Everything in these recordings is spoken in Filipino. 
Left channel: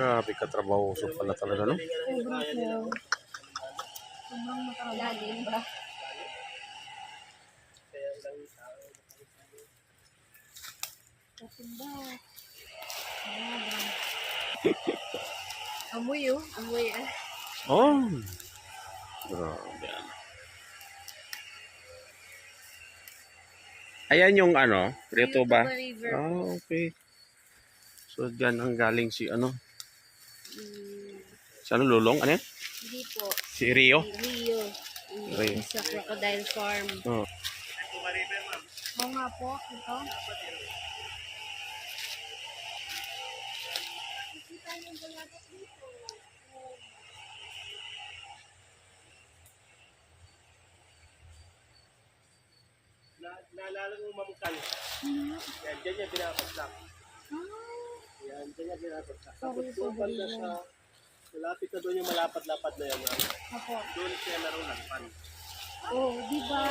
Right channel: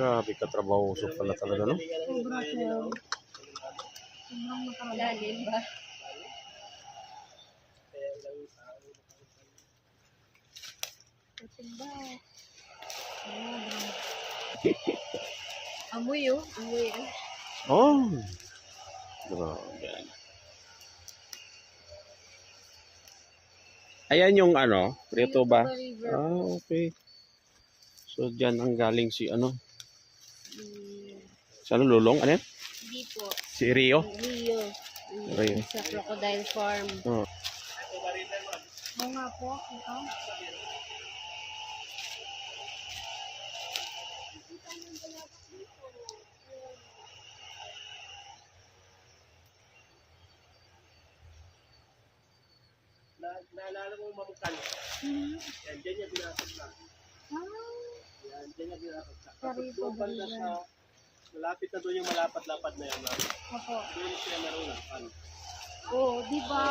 Grabe katrabahoso pala talaga, no? Sobrang sir. Sobrang makakalalim ba? Kasimba. Amoy oh. Amoy ah. Oh. Grabe. Ayan yung ano, Prieto ba? River Ah, po. okay. So, dyan ang galing si ano? Mm, Si ano, Lulong? Ano yan? Hindi po. Si Rio? Rio. Rio. Sa Crocodile Farm. Oh. Oo nga po. Ito. Naalala mo mamukal. Yan, dyan niya pinapagsak. Yan, dyan niya pinapagsak. Tapos doon banda sa, malapit na doon yung malapad-lapad na yan. Opo. Doon siya narunakpan. Oo, di ba?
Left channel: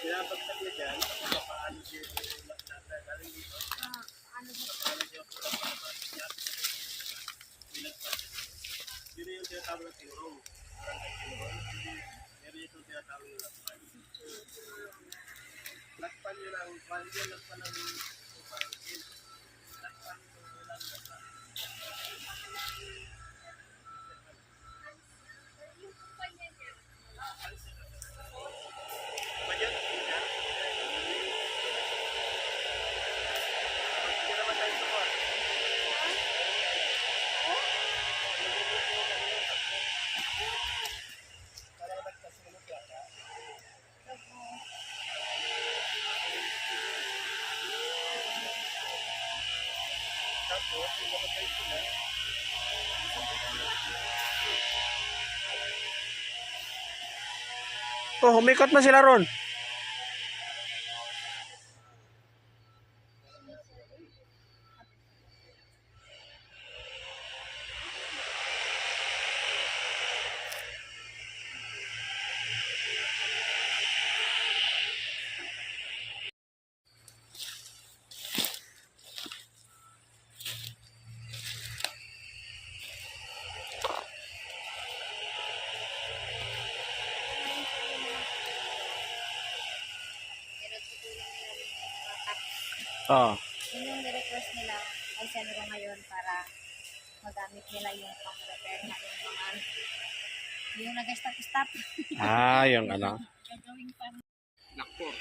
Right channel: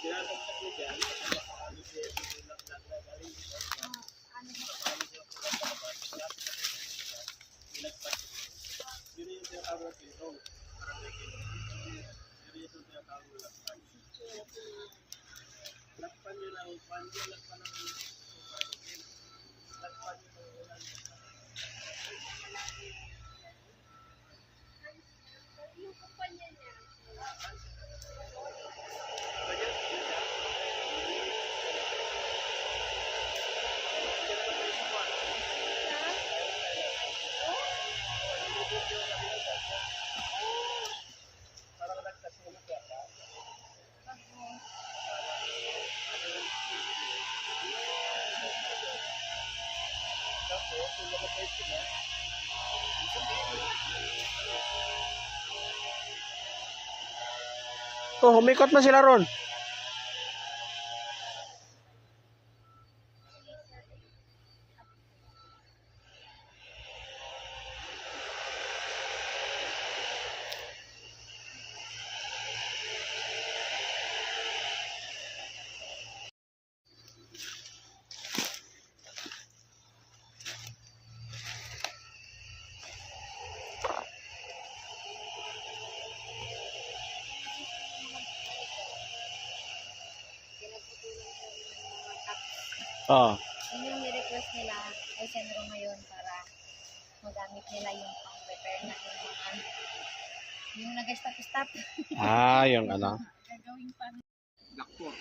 Pinapagsak niya dyan, paano siya galing dito. Paano siya yun yung tinatawag ng tinurong. Pero yung tinatawag ng lakpan. Lakpan yun ang lakpan ng lakpan yung ulang lakpan. Yung kumpanya niya. Hindi naman tayo support. Parang nagkasunod yata. Tapos, yung mga tayo sila, Oh, umikot na sila ron. Ah. Yun yung nirequest nila ay send ko ngayon para magamit nila yung pang-prepare na yung mga yung nag-stop-stop. Ah, yung ano. Gagawing pang lakpo.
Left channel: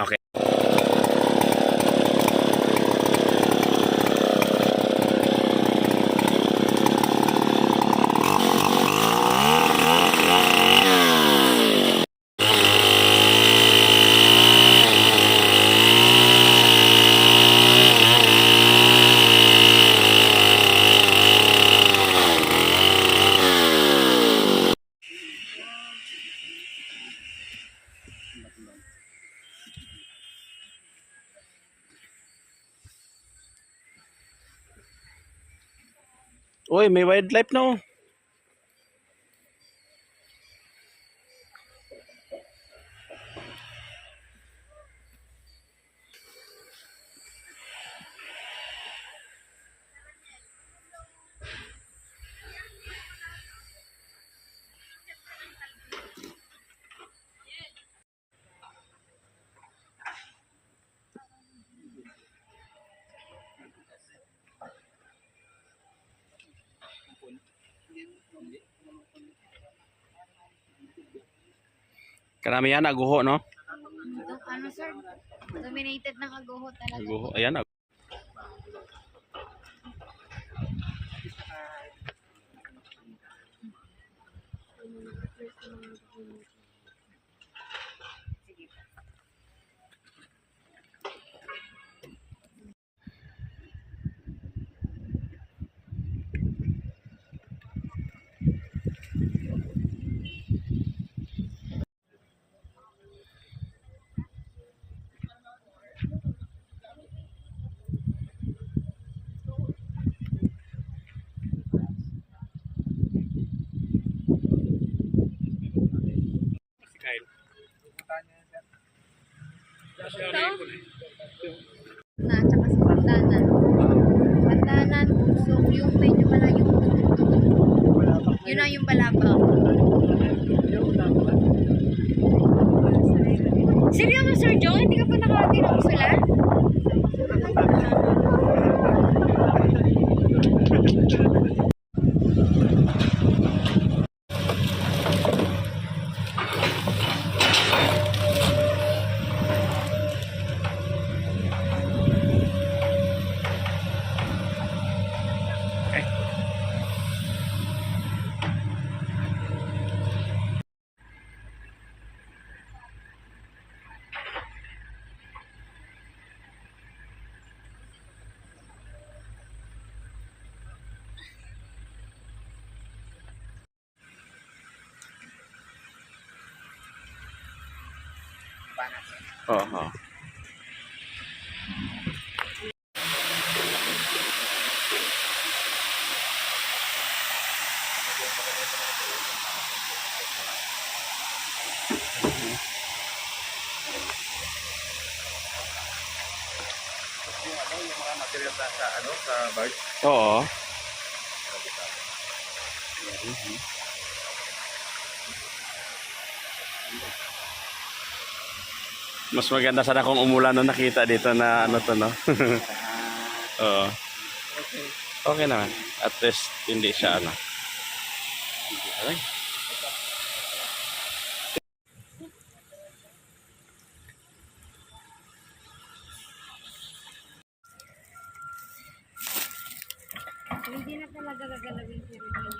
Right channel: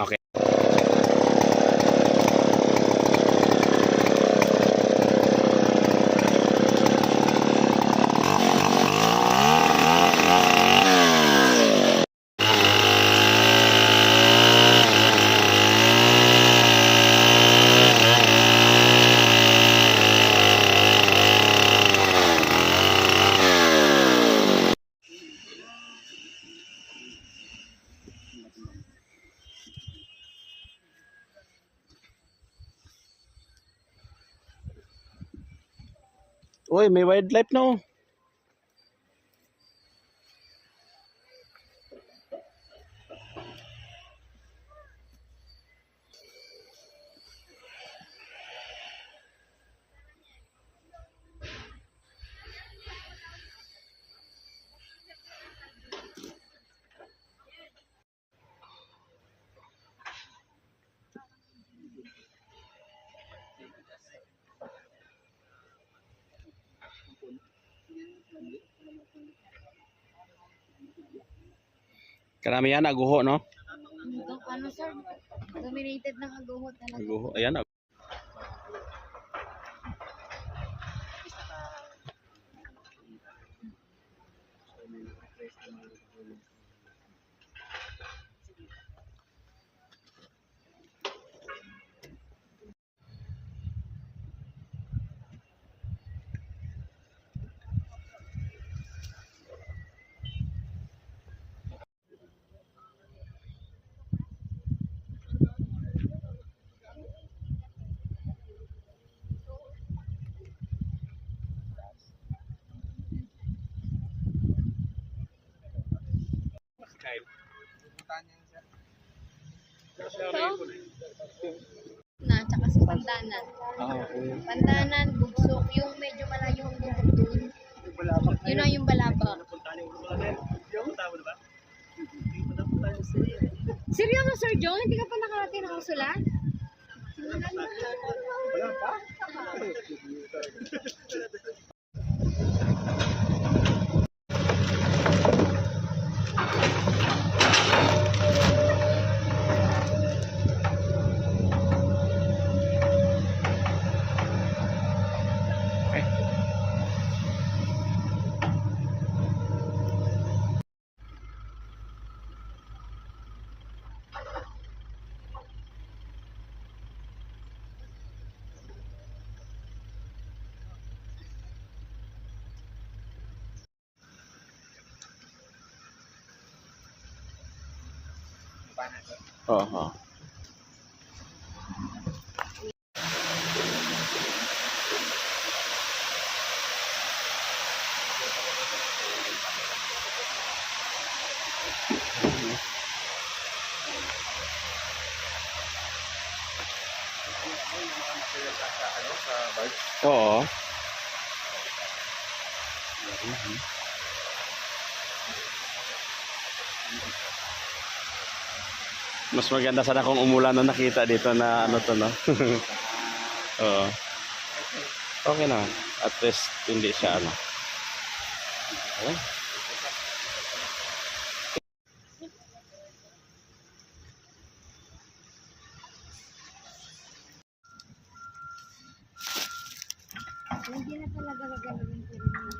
Okay. Uy, may wildlife na oh. Karamihan aguho, no? Itong ano sir, dominated ng aguho talaga. Aguho, ayan. Ito? Na, tsaka sa Pantanan. Pantanan, Bugsok, yung medyo malayong yun na yung Balabang. Seryoso Sir John? Hindi ka pa nakakagin ng usulan? Oo. Oo. Mas maganda sana kung umulan na nakita dito na ano to, no? Oo. Okay naman. At least hindi siya ano. Okay. Hindi na talaga gagalawin si Rene.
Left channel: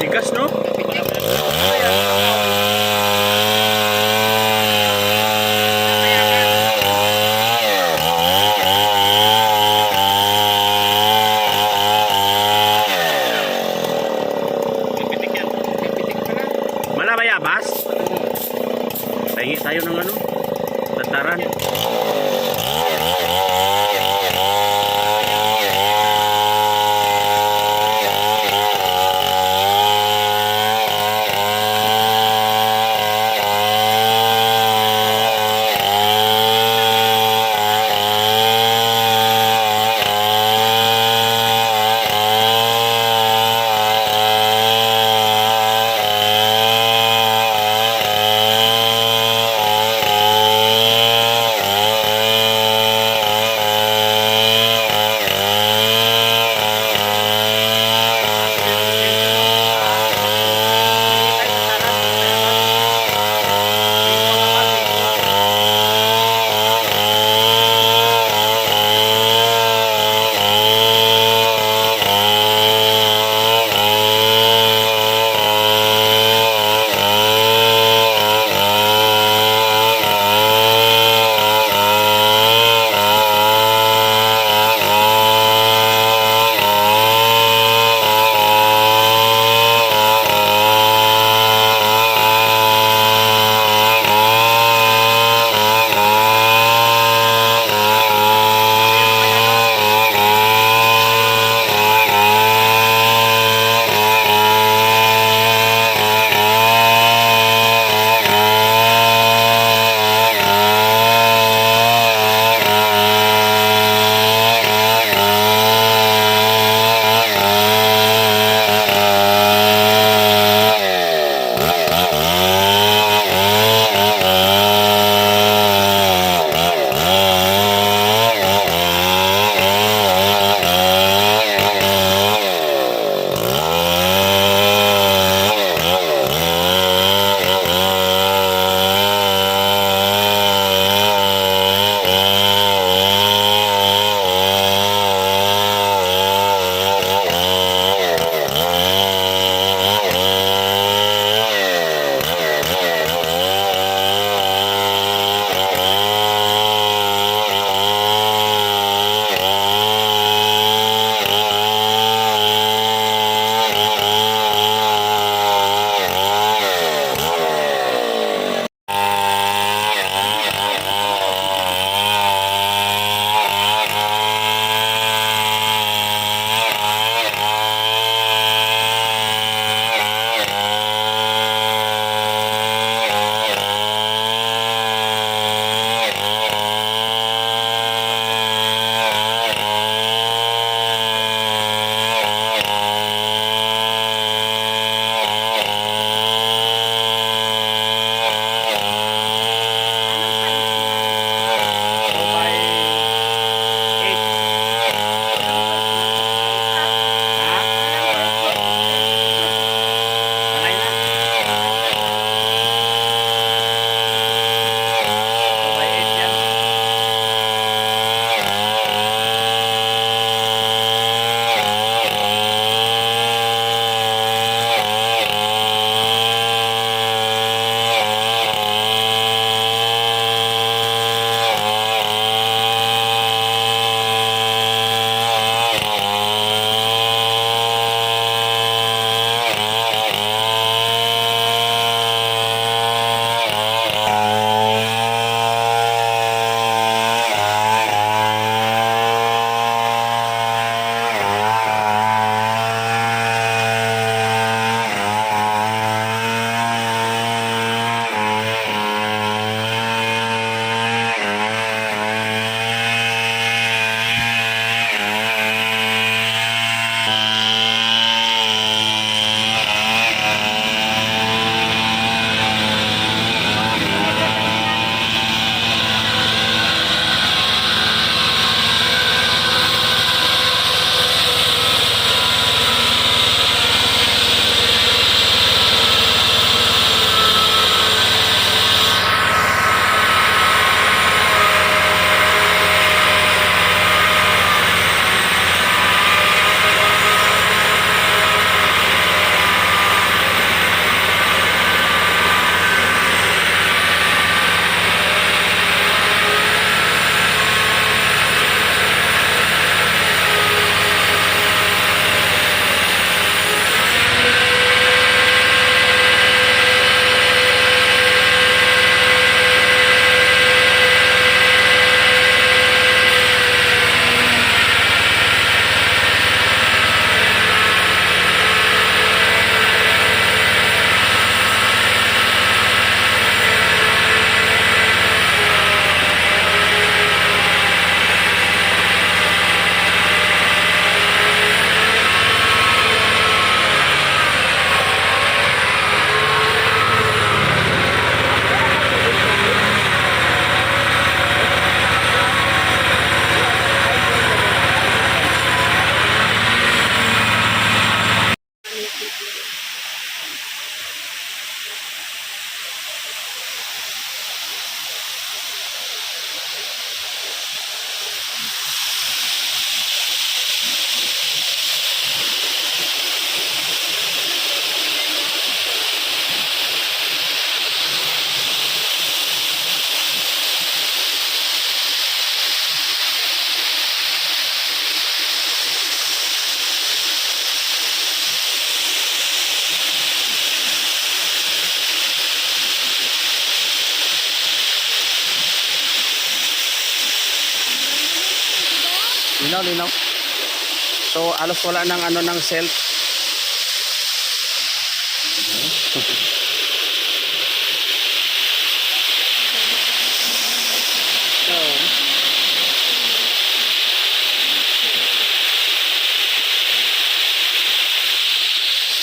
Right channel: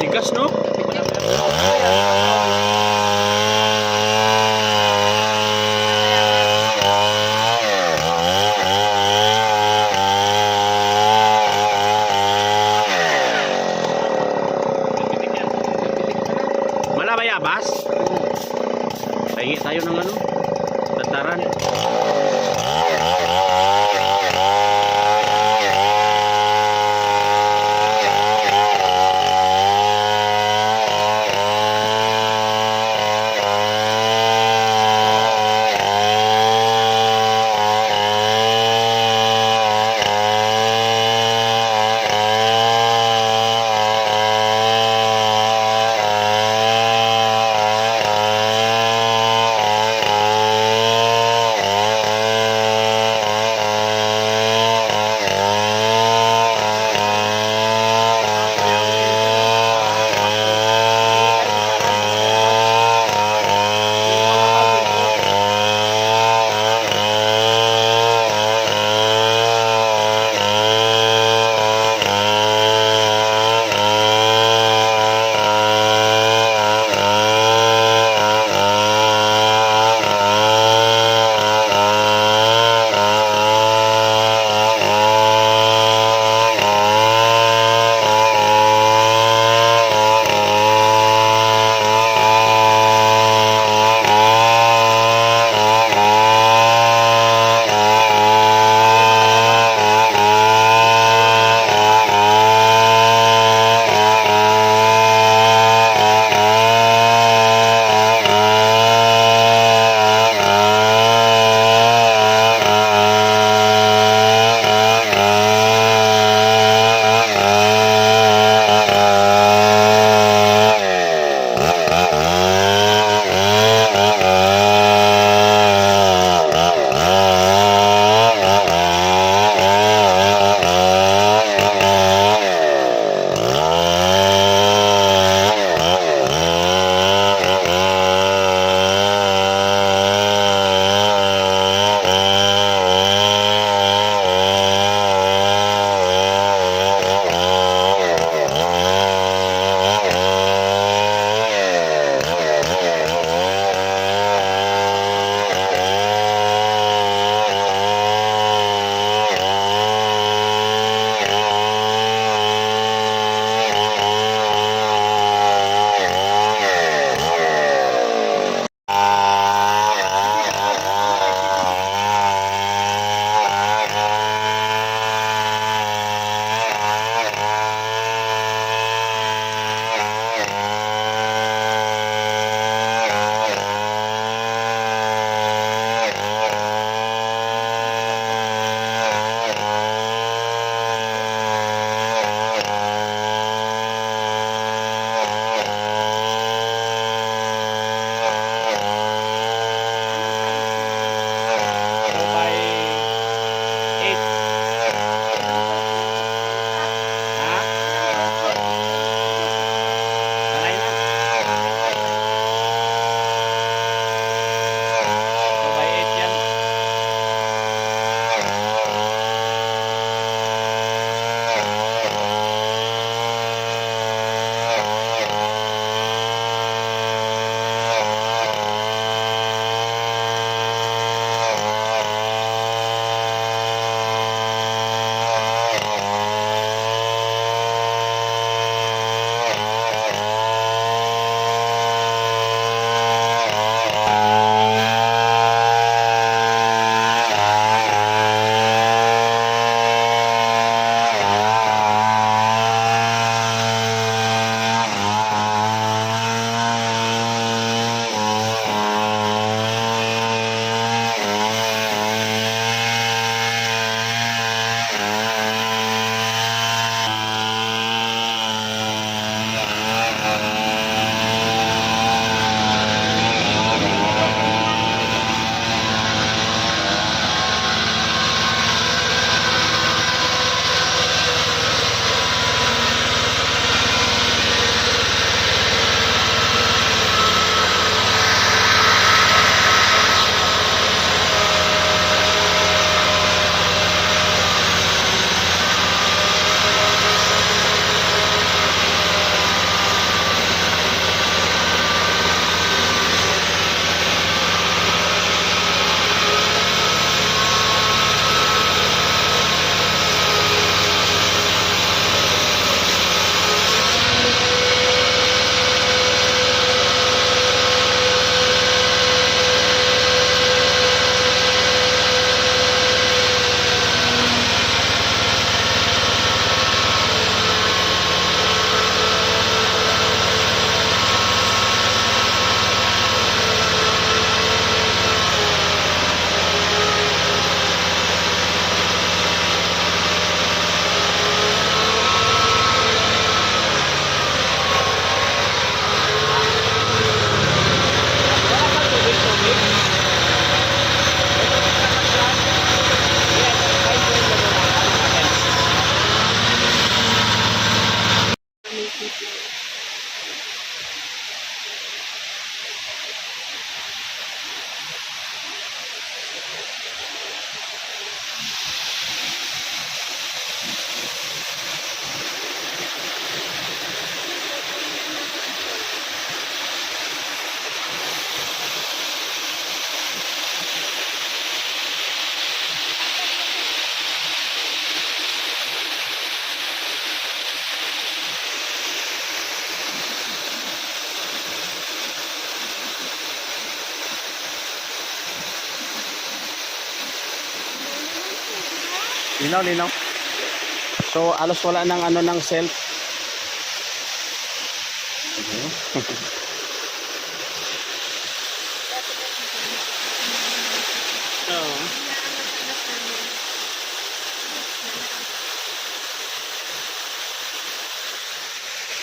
Tigas, no? Malabayabas? Pahingi tayo ng ano? Tataran. Linaw, linaw. So, alos wala ng ano ng self.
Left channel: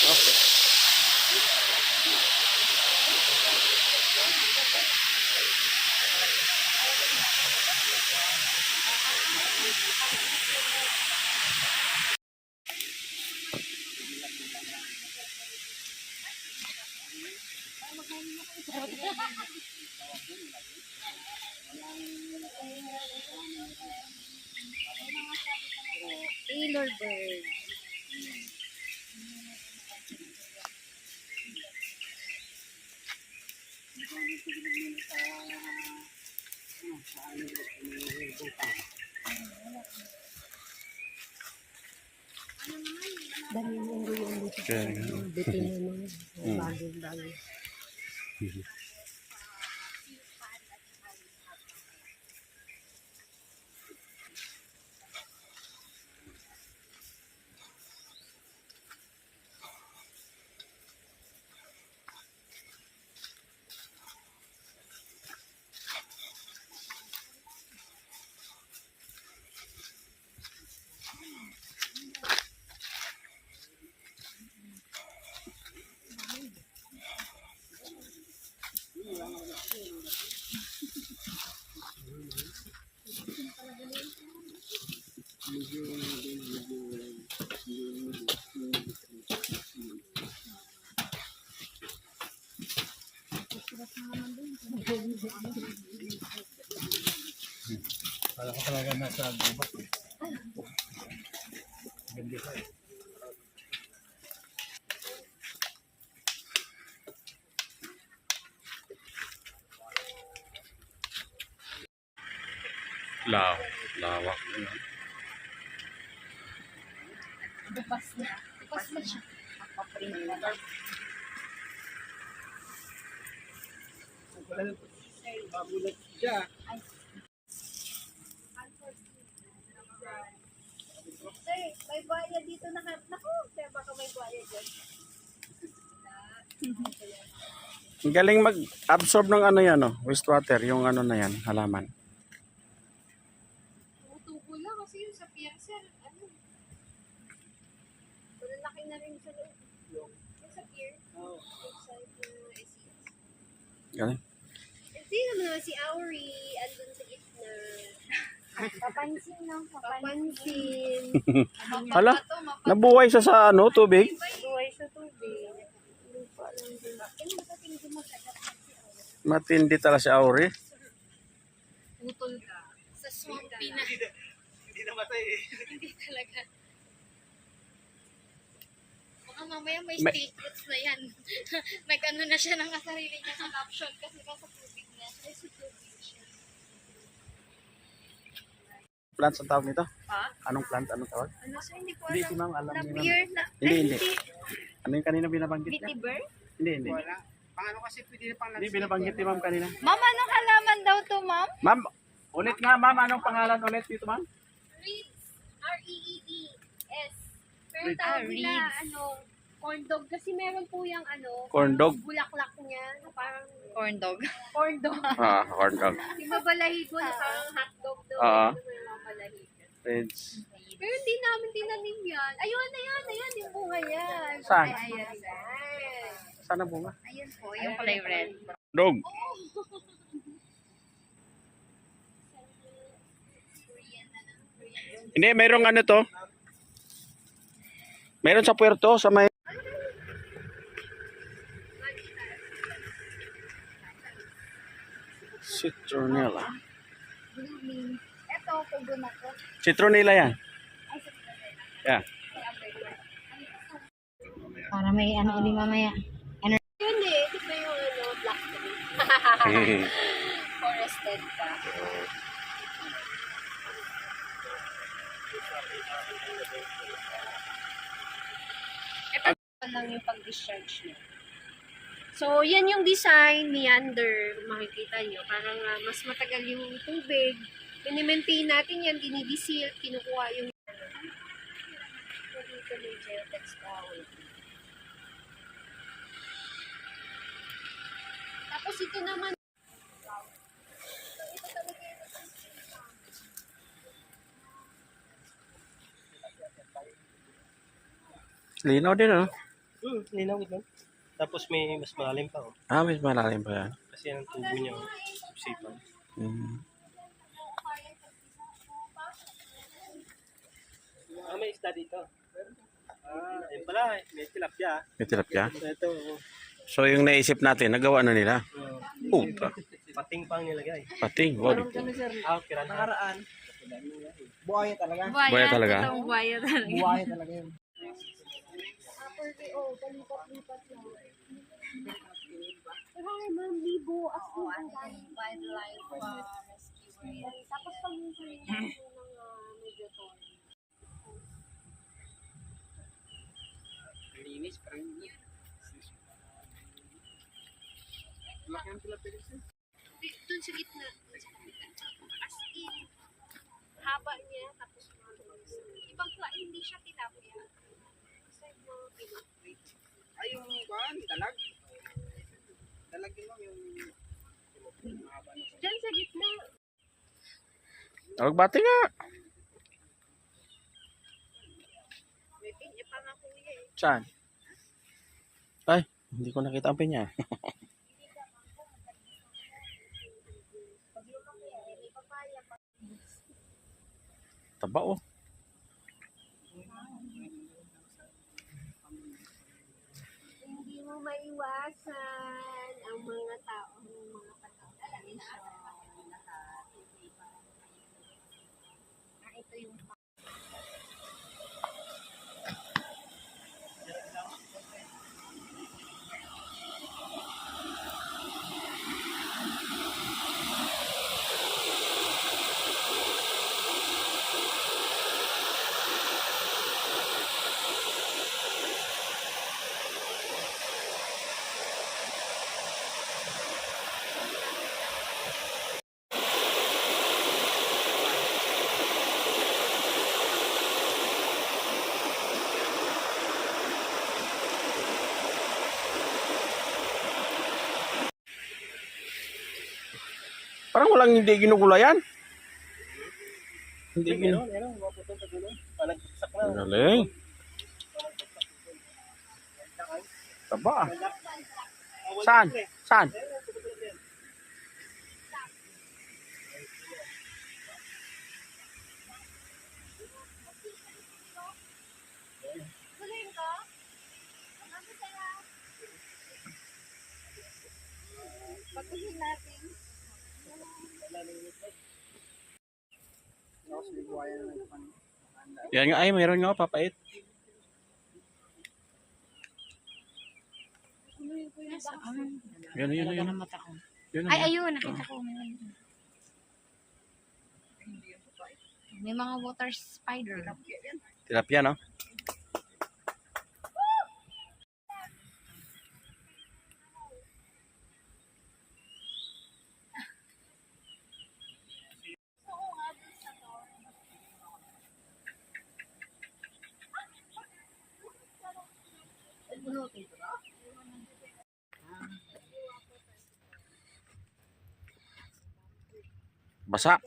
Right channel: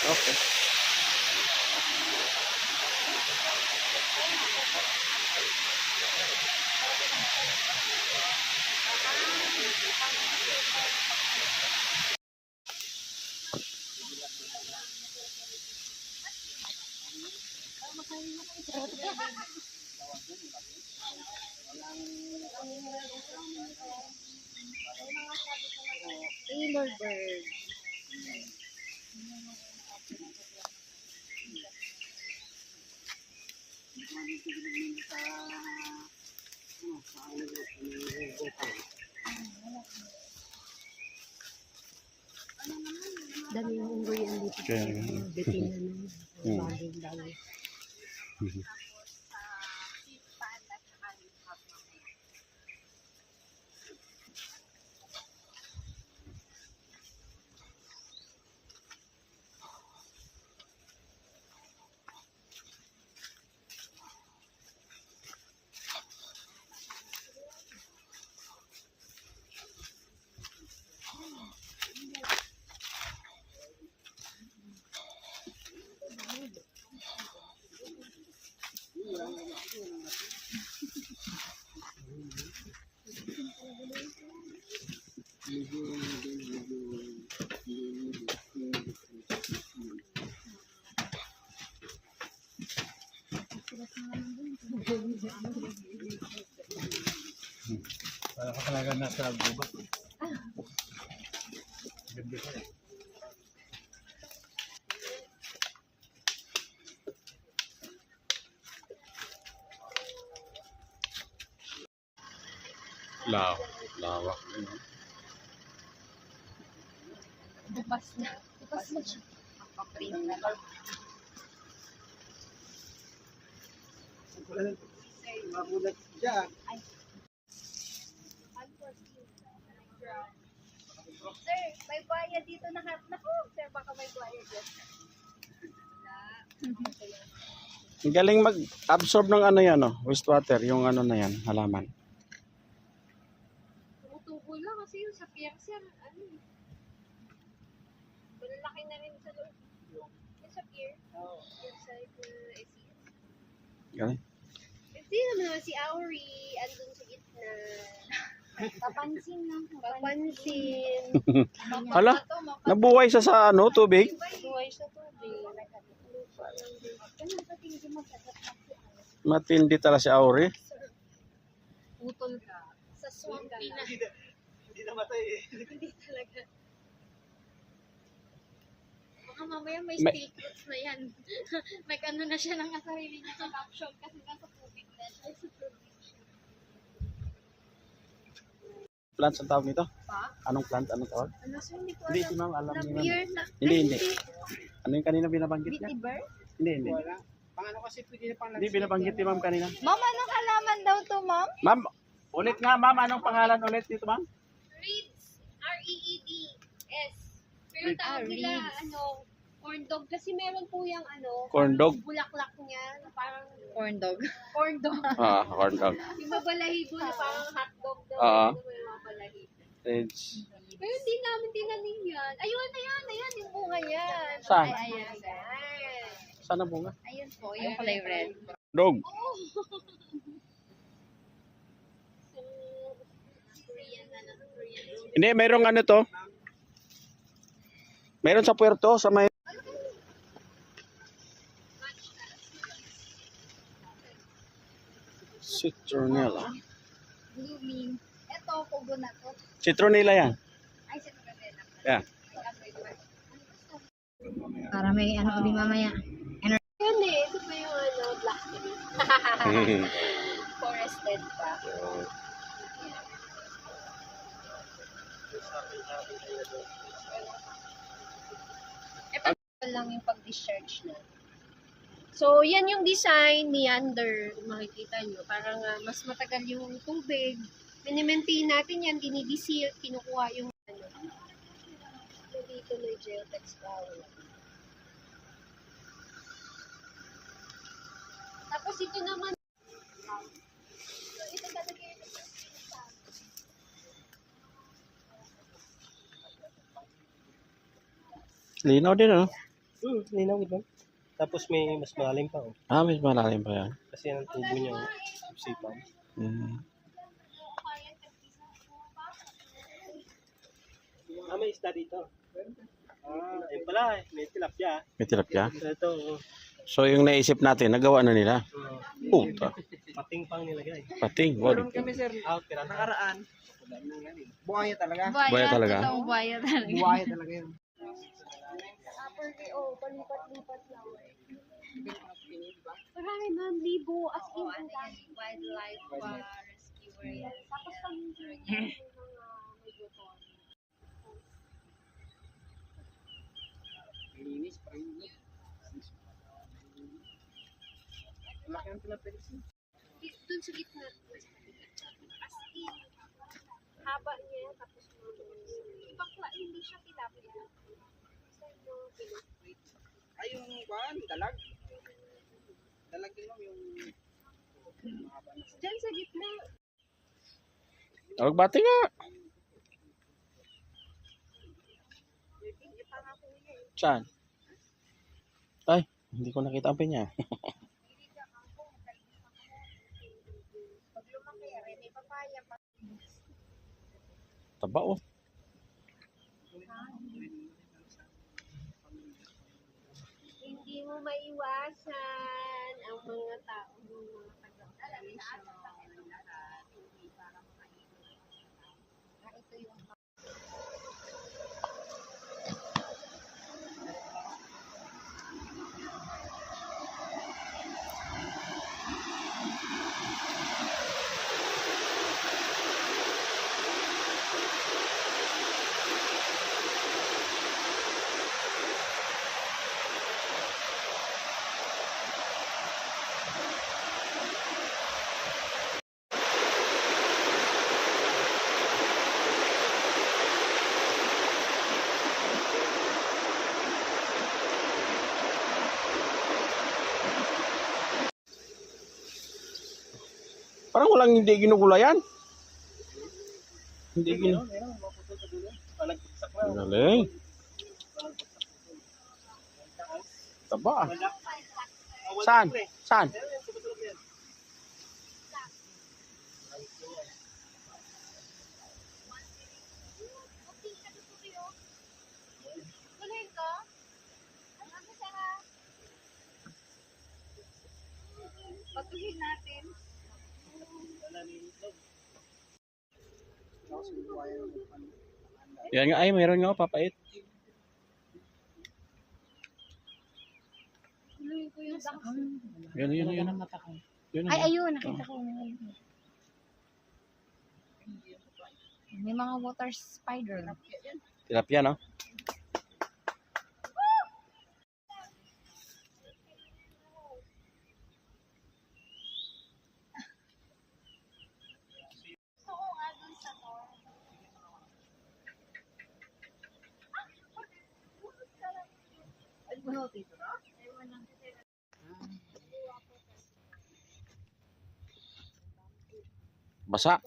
Okay. Taylor bird. Dami yung yung dito. Kaya nga. Bitin yun. Hmm. Bagay-bagay. Para ka talaga nasa gubat. Ganda ka eh. Lawak. Ano? Bukas na. Bukas na siya. Paprint na ba? Magulat siya. Sir, may bayad dito na. Naku, sir, baka may bayad dyan. Ang galing mag-absorb ng ano yan, no? Wastewater, yung ano na yan, halaman. Tumutubo lang kasi yung sa pier, sir, ano. Malalaki na rin sa loob. Yung sa pier. Yung sa SES. Galing. Sino naman si Auri, andun sa gitna. Papansin lang, papansin. Hala, nabuhay siya sa ano, tubig. Buhay sa tubig. Matindi talaga si Auri. Putol ka. Sa swampy na. Hindi namatay eh. Hindi talaga. Baka mamaya may May- statements na yan. Nag-ano na siya ng sarili niya sa caption kasi nasa tubig na siya. Sa tubig siya. Plant ang tawag nito? Pa? Anong plant? Anong tawag? Ano sir, hindi ko Hindi, alam. si ma'am, alam Na ni ma'am. beer na. Hindi. Ano yung kanina binabanggit niya? Vetiver? Hindi. Wala. Paano kasi pwede na pang Hindi, binabanggit ni ma'am kanina. Ma'am, anong halaman daw to, ma'am? Ma'am, ulit nga ma'am, anong pangalan ulit dito ma'am? Reeds. R-E-E-D-S. Pero Reeds. tawag nila, corn dog. Kasi meron po yung Corn dog. bulaklak niya na parang Corn dog. corn dog. Corn dog. Yung mabalahibo na parang hotdog daw. Oo. Ano may mabalahibo. Reds. Pero hindi namin tinanim yan. Ayun, yung bunga yan. Saan? Ayan. Saan ang bunga? Ayun po. Yung kulay red. Dog. Korean na lang. Korean. Hindi, mayroong ano to. Mayroon sa puerto, sa may... Citronella. Blooming. Ito, pugo na to. Citronella yan. Ay, sa kanila. Yeah. Para may ano ulit mamaya. Yun eh. Ito yung blackberry. Forested pa. Ito lang yung pag-discharge niya. So, yan yung design, meander, makikita nyo. Parang mas matagal yung tubig. Minimaintain natin yan, dinidisil, kinukuha yung ano. So, dito may geotex towel. Tapos ito naman, ito talaga yung Linaw din, ano? Linaw ito. Tapos may mas malalim pa, oh. Ah, mas malalim pa yan. Kasi yan ang tubo niya, oh. Sipan. May isda dito. Ayun pala, may tilapia. May tilapia. Ito, oh. So, yung naisip natin, nagawa na nila. Puta. Pating pang nilagay. Pating. Wow, Nakaraan. Buhaya talaga. Buhaya talaga? Totoong buhaya talaga. Buhaya talaga yun. palipat-lipat lang. Marami ma'am, libo, as in, ang dami. Wildlife rescuer yan. Tapos pag minsan yung mga medyo tone. Linis, parang linis. Laki ng tilapia. Doon sa gitna. As in, haba niya, tapos ibang hindi siya tilapia. Basta yung mga pinapay. Ay, yung kuhan, dalag. Dalag din lang yung mahaba na. Diyan sa gitna. Magbati nga. May pinya pa nga kuya eh. Saan? Ay, hindi ko nakita ang pinya. Pag lumaki, may papaya pa. Taba, oh. Hindi mo maiwasan ang mga taong mga pagkakalisyon. Ito yung Parang walang hindi ginugulayan. Hindi ginu... Meron, maputol sa dulo. Palagsak na. Ang galing. Taba. Saan? Saan? Galing ko? Ano sa patuhin natin? Tapos may buhaya na nagpan. Yan nga, ay, mayroon nga, papait. Tuloy ko yung daks. Yan, yan, yan. mata ko. Yun, Ay, yun. ayun, nakita ko. May mga water spider. Tilapia, no? Basa.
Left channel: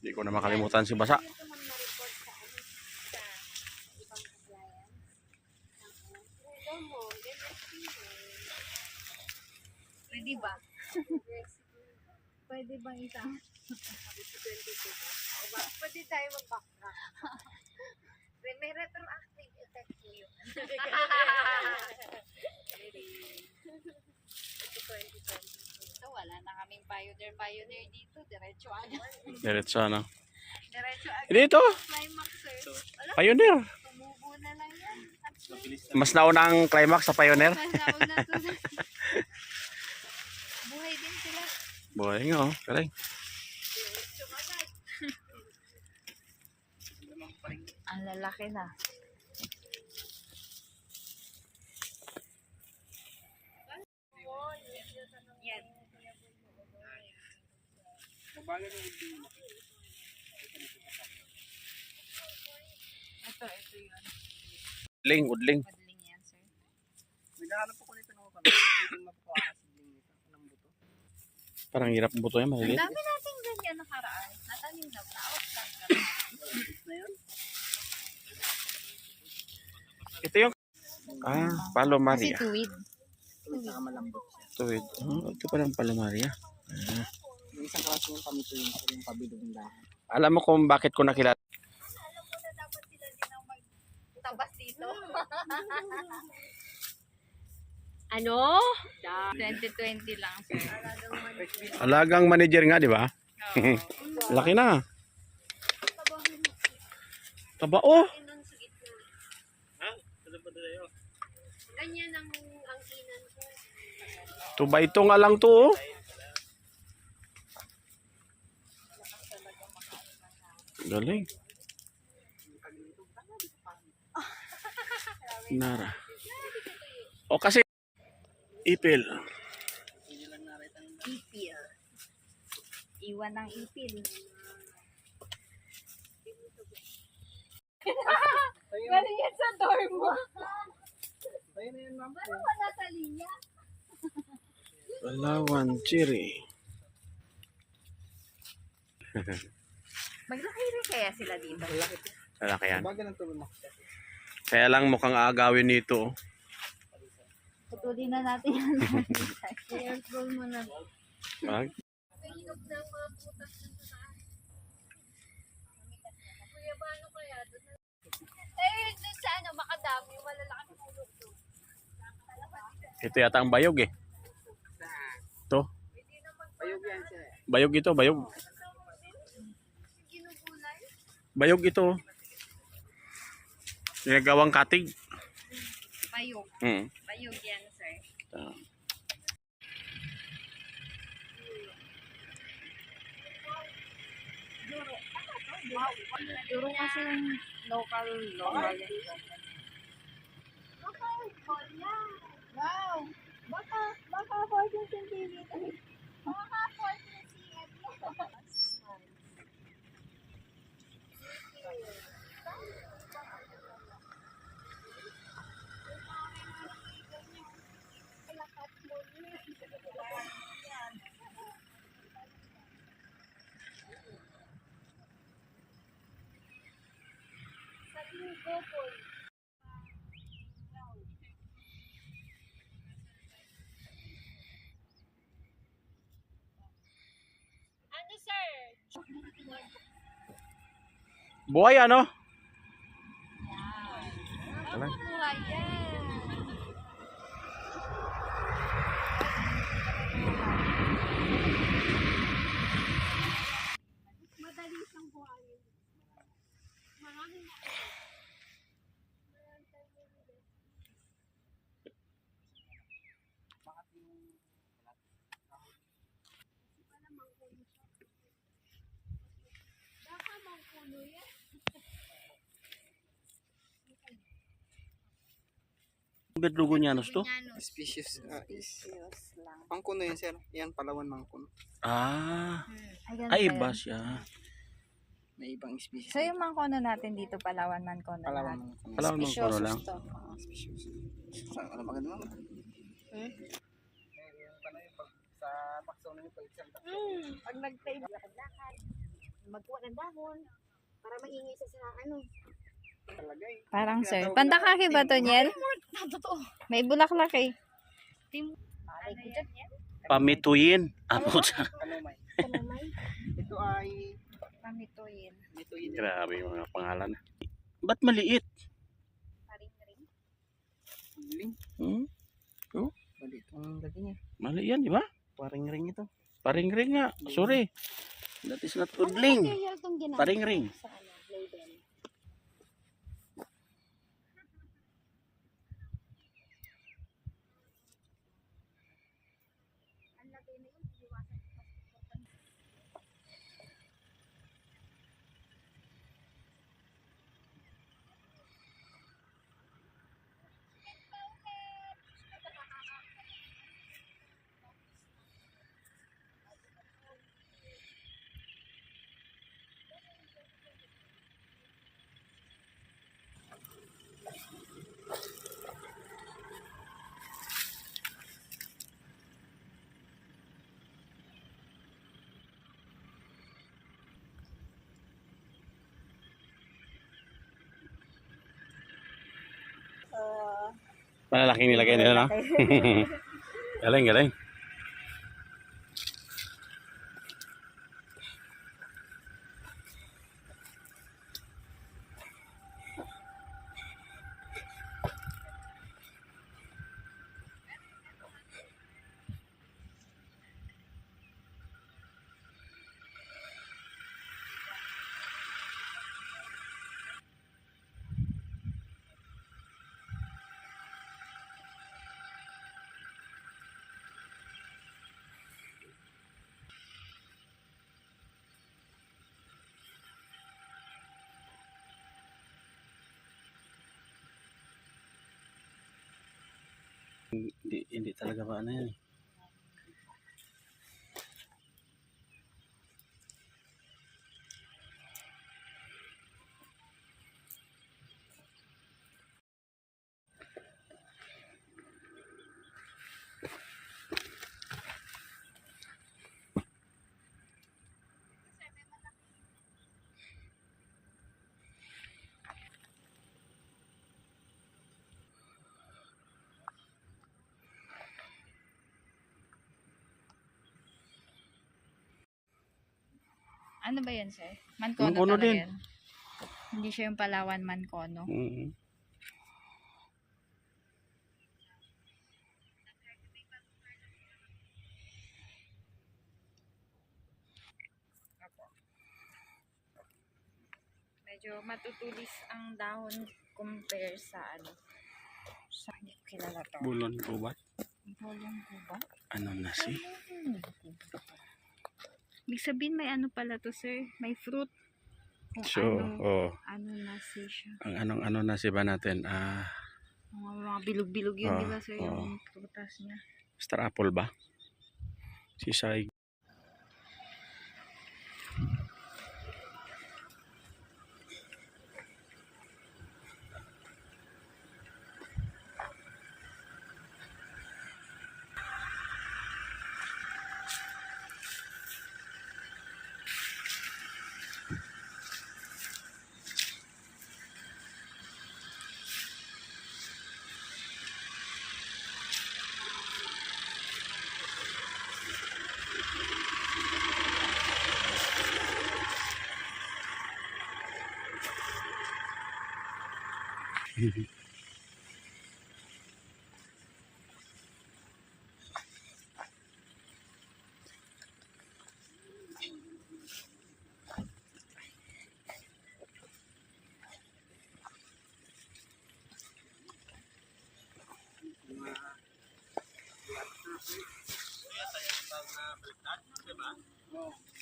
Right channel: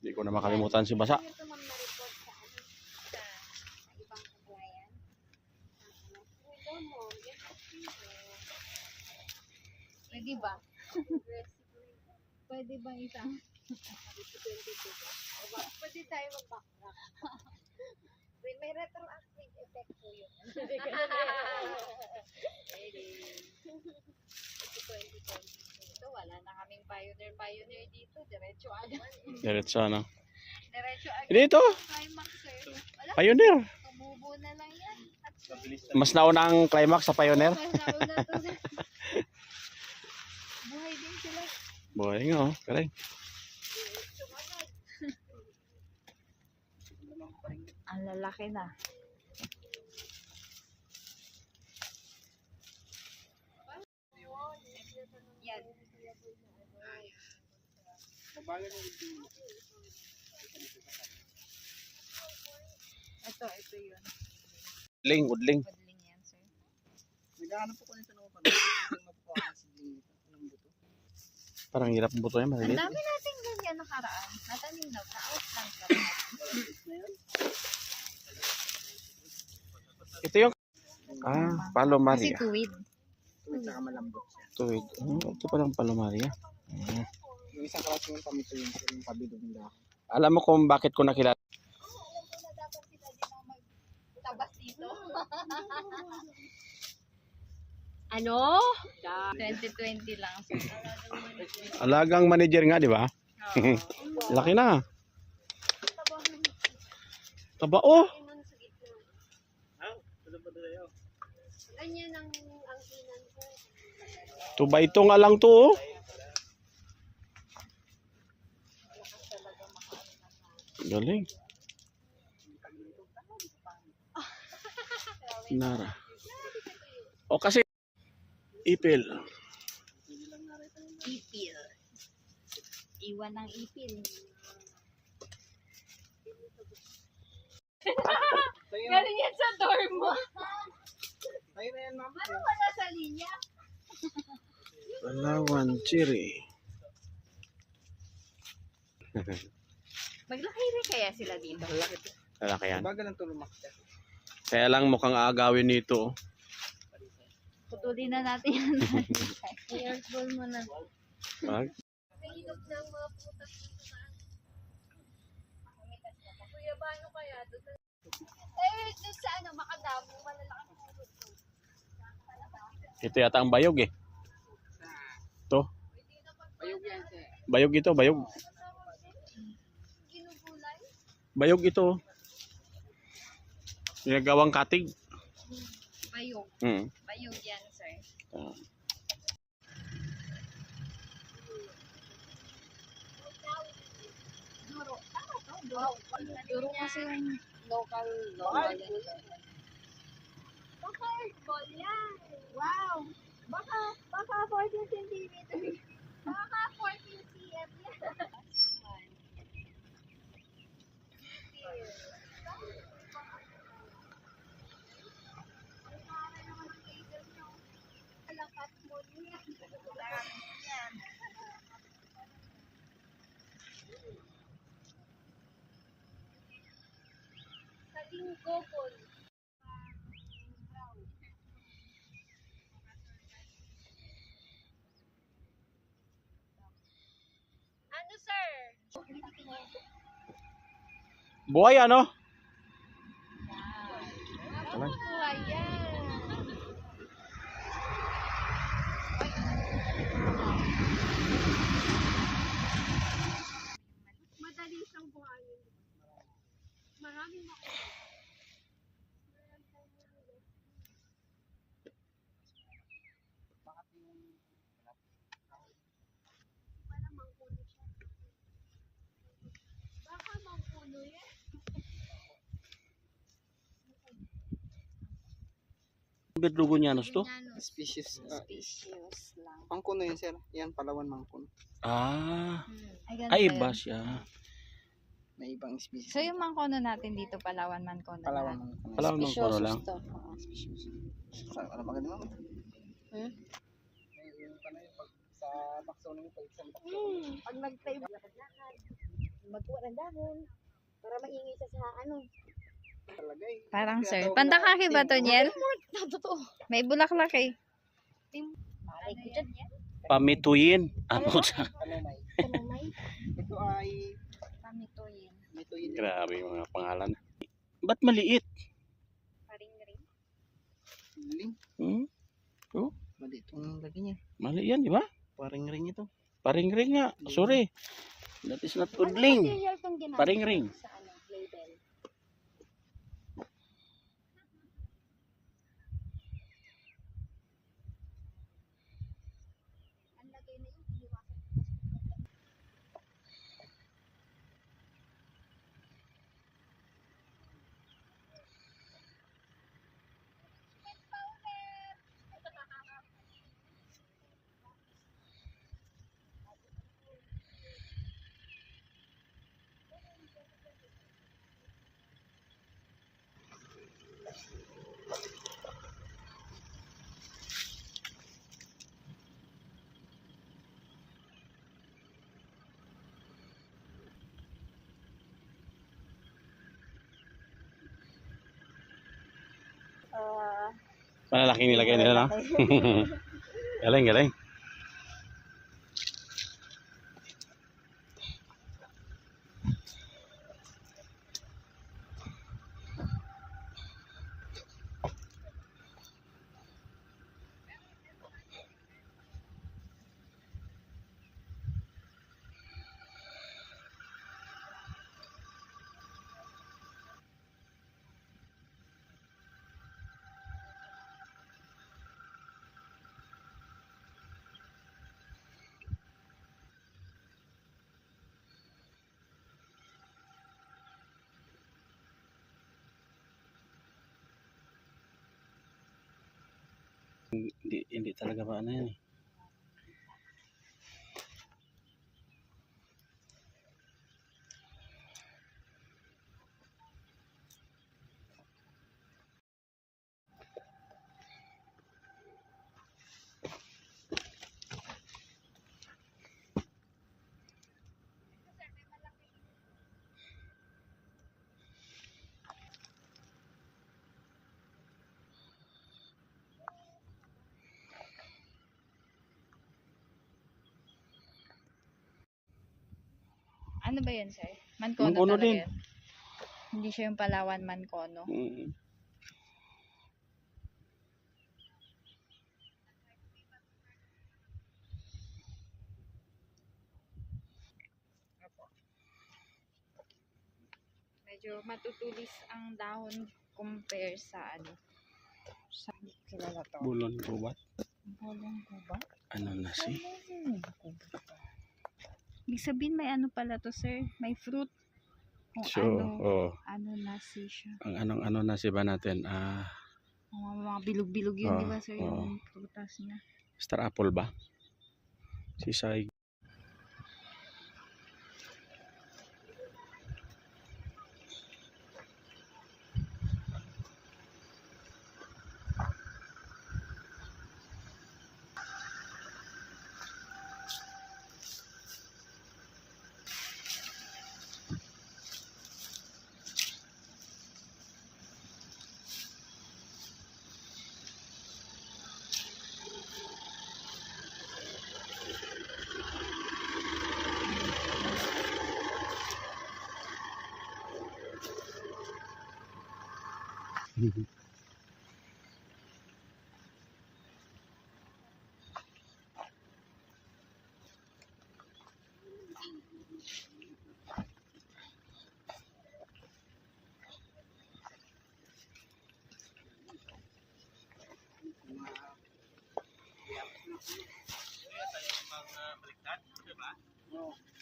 Hindi ko na makalimutan si Basa. Ito man ma-report sa ano, sa ibang client. Ito mo, get experience. Pwede ba? Pwede bang isang? Pwede tayo mag-backtrack. May retroactive effect po yun. Ito, wala na kaming pioneer dito. Diretso agad. Diretso, ano? Diretso agad. Dito, Climax eh. Wala, Pioneer. tumubo na lang yan. At Mas nauna ang climax sa Pioneer. pasawag na to. Buhay din sila. Buhay nga, oh. Galing. Ang lalaki na. Yan. Mabagal ng udling. Ito yun. Udling, udling. Padling yan, sir. Naghahanap po ko nito ng kapatid. Hindi makukuha na sa udling nito. Anong buto? Parang hirap ang buto yan, Ang maliliit. dami nating ganyan nakaraan. Natanim na. Na-outplant kami. Na yun? Ito yung Palomaria. Kasi tuwid. Tuwid saka malambot siya. Tuwid. Ito palang Palomaria. Yung isang klase yung pamito yung pabilog ng dahon. Alam mo kung bakit ko nakilala? Alam ko na dapat sila din ang magtabas dito. Ano? 2020 lang, sir. Alagang manager nga, di ba? Laki na. Taba, oh. Ganun sa gitna. Ha? Ano ba na yun? Ganyan ang inan ko. Tuba ito nga lang to, oh. Galing. Nara. O kasi ipil. Ipil. Iwan ng ipil. Galing yan sa door mo. Tayo na yan, ma'am. Ano wala sa linya? Palawan Cherry. Maglaki rin kaya sila dito. Lalaki yan. Mabagal ang tulumak siya. Kaya lang mukhang aagawin nito, oh. Putulin na natin yan. I-unroll mo na. Wag. Hinog ng mga putas dito sa Kuya, paano kaya doon? Doon sa makadami, malalaki puno to. Ito yata ang bayog, eh. Ito. Ayog yan siya. Bayog ito, bayog. Ginugulay? Bayog ito, oh. Ginagawang katig. Bayog. Bayog yan, sir. Duro kasi yung local. Wow! Baka 14 centimeters. Baka 14 cm yan. Ano, sir? Buhay, ano? Talang. Buhay yan. Madali siyang buhayin. Maraming baka mangkulo yan. Bedrugonianos to? Species. Species lang. Mangkuno yan, sir. Yan, Palawan mangkuno. Ah. ganun Ay, ba iba yun? siya. May ibang species. So yung mangkono natin dito, Palawan Mangkono Palawan lang. mangkuno. Palawan mangkono lang. To. Oo. Species. Ano ba ganun? Hmm? Yung pala yung pag sa takso na yung pag isang takso. Pag nag-time, magkuha ng dahon para maingay siya sa ano. Talagay. Parang sir. Tinatawag Pandakaki na- ba to, Niel? Totoo. May bulaklak eh. Malay ko dyan. Pamituyin. Ano sa? Kanumay. Kumamay. Ito ay Pamituyin. mituyin. Grabe yung mga pangalan. Ba't maliit? Paring-ring. Ling. Hmm? Mali itong lagi niya. Mali yan, di ba? Parang ring ito. Paring-ring nga. Sorry. That is not udling. Material tong ginamit Paring-ring. sa ano, label. Ang lagay na yun, iniwasan ko kasi Malalaki nilagay nila, no? Galing, galing. Hindi talaga ba ano yan eh. Ano ba yan, sir? Mankono, Mankono talaga din. yan. Hindi siya yung Palawan Mankono. Mm. Medyo matutulis ang dahon compare sa ano. Sa hindi ko kilala to. Bulon gubat. Bolong ko ba? Ano na si? Ibig sabihin may ano pala to, sir? May fruit. Kung So, ano nasi siya. ang ano na si ba natin? Mga bilog-bilog yun, di ba, sir? oo. Yung prutas niya. Star apple ba? Sisay.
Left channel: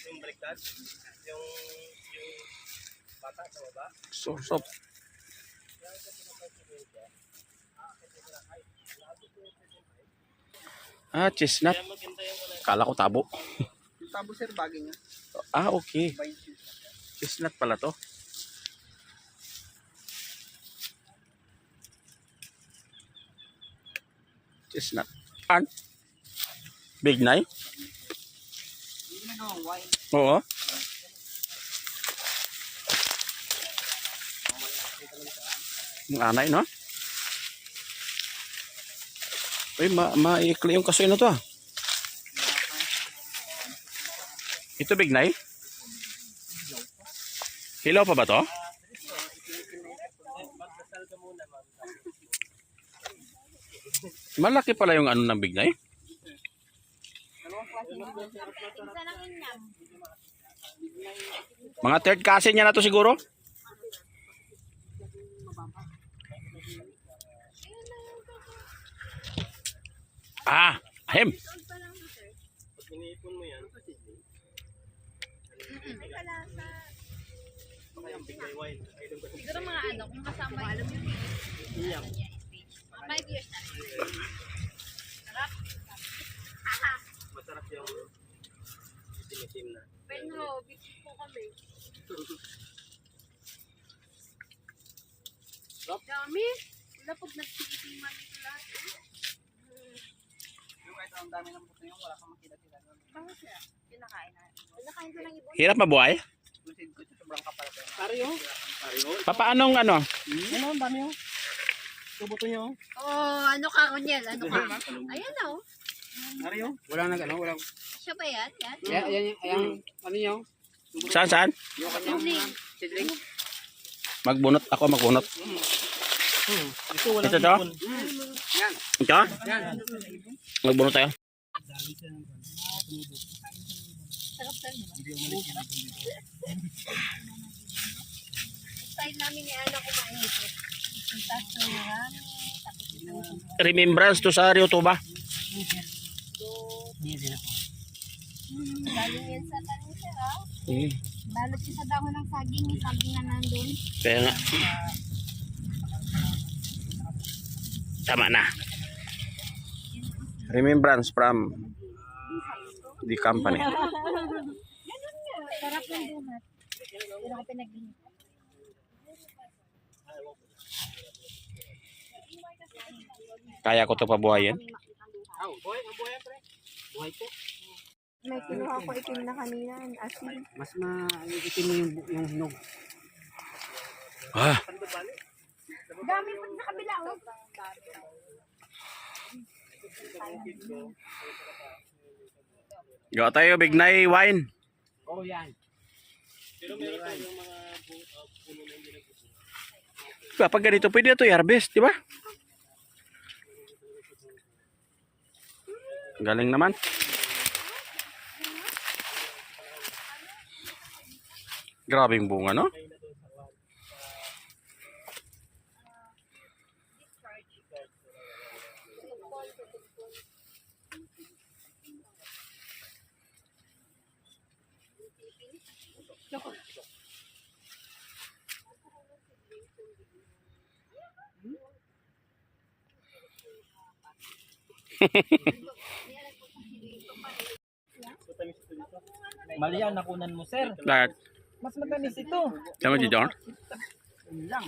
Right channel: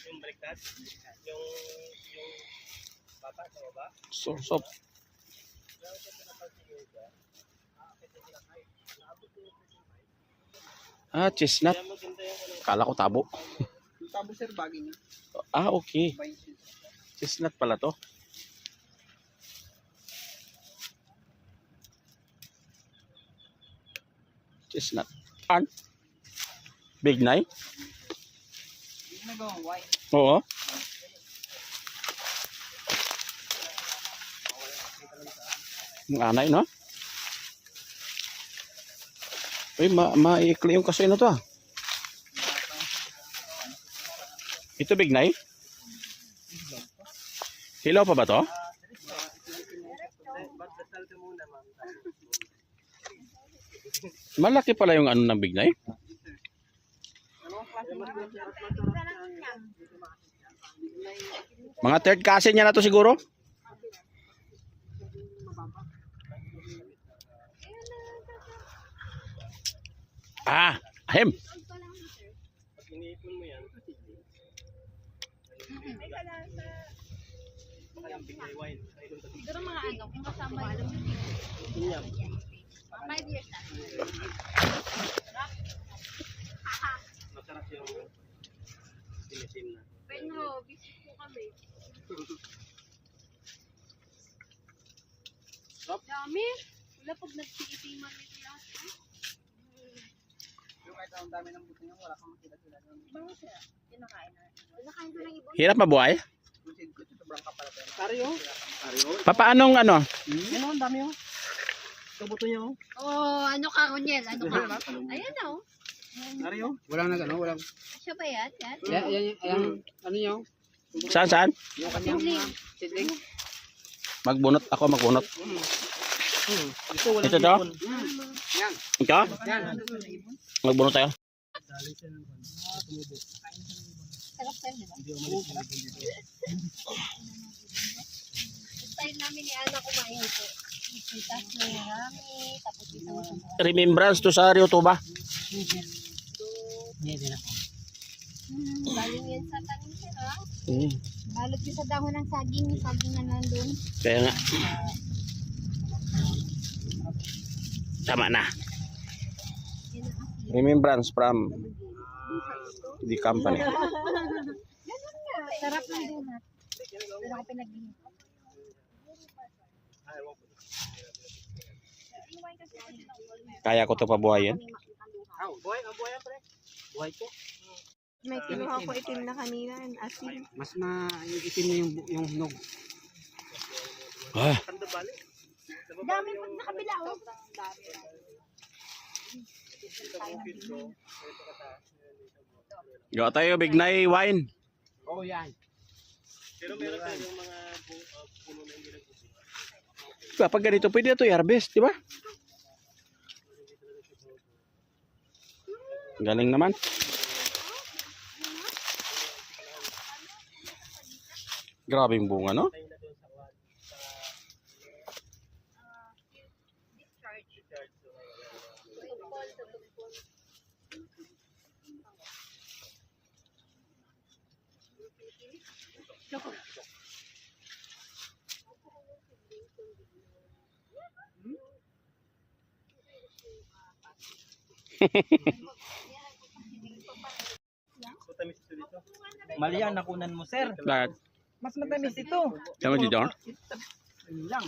Yung baliktad, yung bata sa baba. Sorsop. Chestnut. Kaya maganda yung ano. Kala ko tabo. Yung tabo sir, bagay niya. Okay. 20. Chestnut pala to. Chestnut. Big Nine? Yung nagawang wine. Oo. Yung anay, no? Uy, maikli yung kasoy na to, ah. Ito Big Nine? Hilaw pa ba to? Magdasal ka muna, ma'am. Malaki pala yung ano ng Big Nine? Pizza ng inyam. Mga third cousin niya na to siguro? Ahem. Pag iniipon mo yan, baka yung bigay wine. Ay, doon ka Siguro mga ano, kung kasama yung inyam. 5 years na. Masarap yung itim na. Pero, busy po kami. Sarap. Kaya dami. Wala pag nagtitiman nito lahat. Yung kahit ang dami ng buto yung wala kang makita sila. Bakit sila? Kinakain natin. Kinakain ko lang ibon. Hirap mabuhay? Yung seed ko, sobrang kapal. Pario. Papaanong ano? Ano, ang dami oh. Tubuto niyo. Oh, ano ka, Roniel? Ano ka? Ayan na, oh. Pario. Walang nag ano, walang. Siya ba yan? Yan? Yan, ano nyo? Saan? Yung kanyang seedling. Magbunot. Ako magbunot. Ito wala. Ito daw? Yan. Ito? Yan. Magbunot tayo. Sarap tayo, di ba? Style namin ni Ana kumain ito. Itas na marami, tapos isang sobrang. Remembrance to sa Rio Tuba. Galing yan sa tanim siya, ha? Mm. Balot siya sa dahon ng saging, yung saging na nandun. Kaya nga. Tama na. Remembrance from the company. Sarap ng donut. Doon ako pinag-inom. Kaya ko to pabuhayin. Oh, buhay, ang buhay pre. Buhay ko. May kinuha ko itim na kanina. Asin. Mas maitim na yung hinog. Ah, Dami pag nakabila, oh. gawa tayo bignay wine. Oh, yan. Pero meron pa yung mga puno na hindi nagbubuhay. Kapag ganito pwede ito i-harvest, di ba? Galing naman. Grabing bunga, no? Matamis ito dito. Mali yan, nakunan mo, sir. Lahat. Mas matamis ito. Tama si John? Yun lang.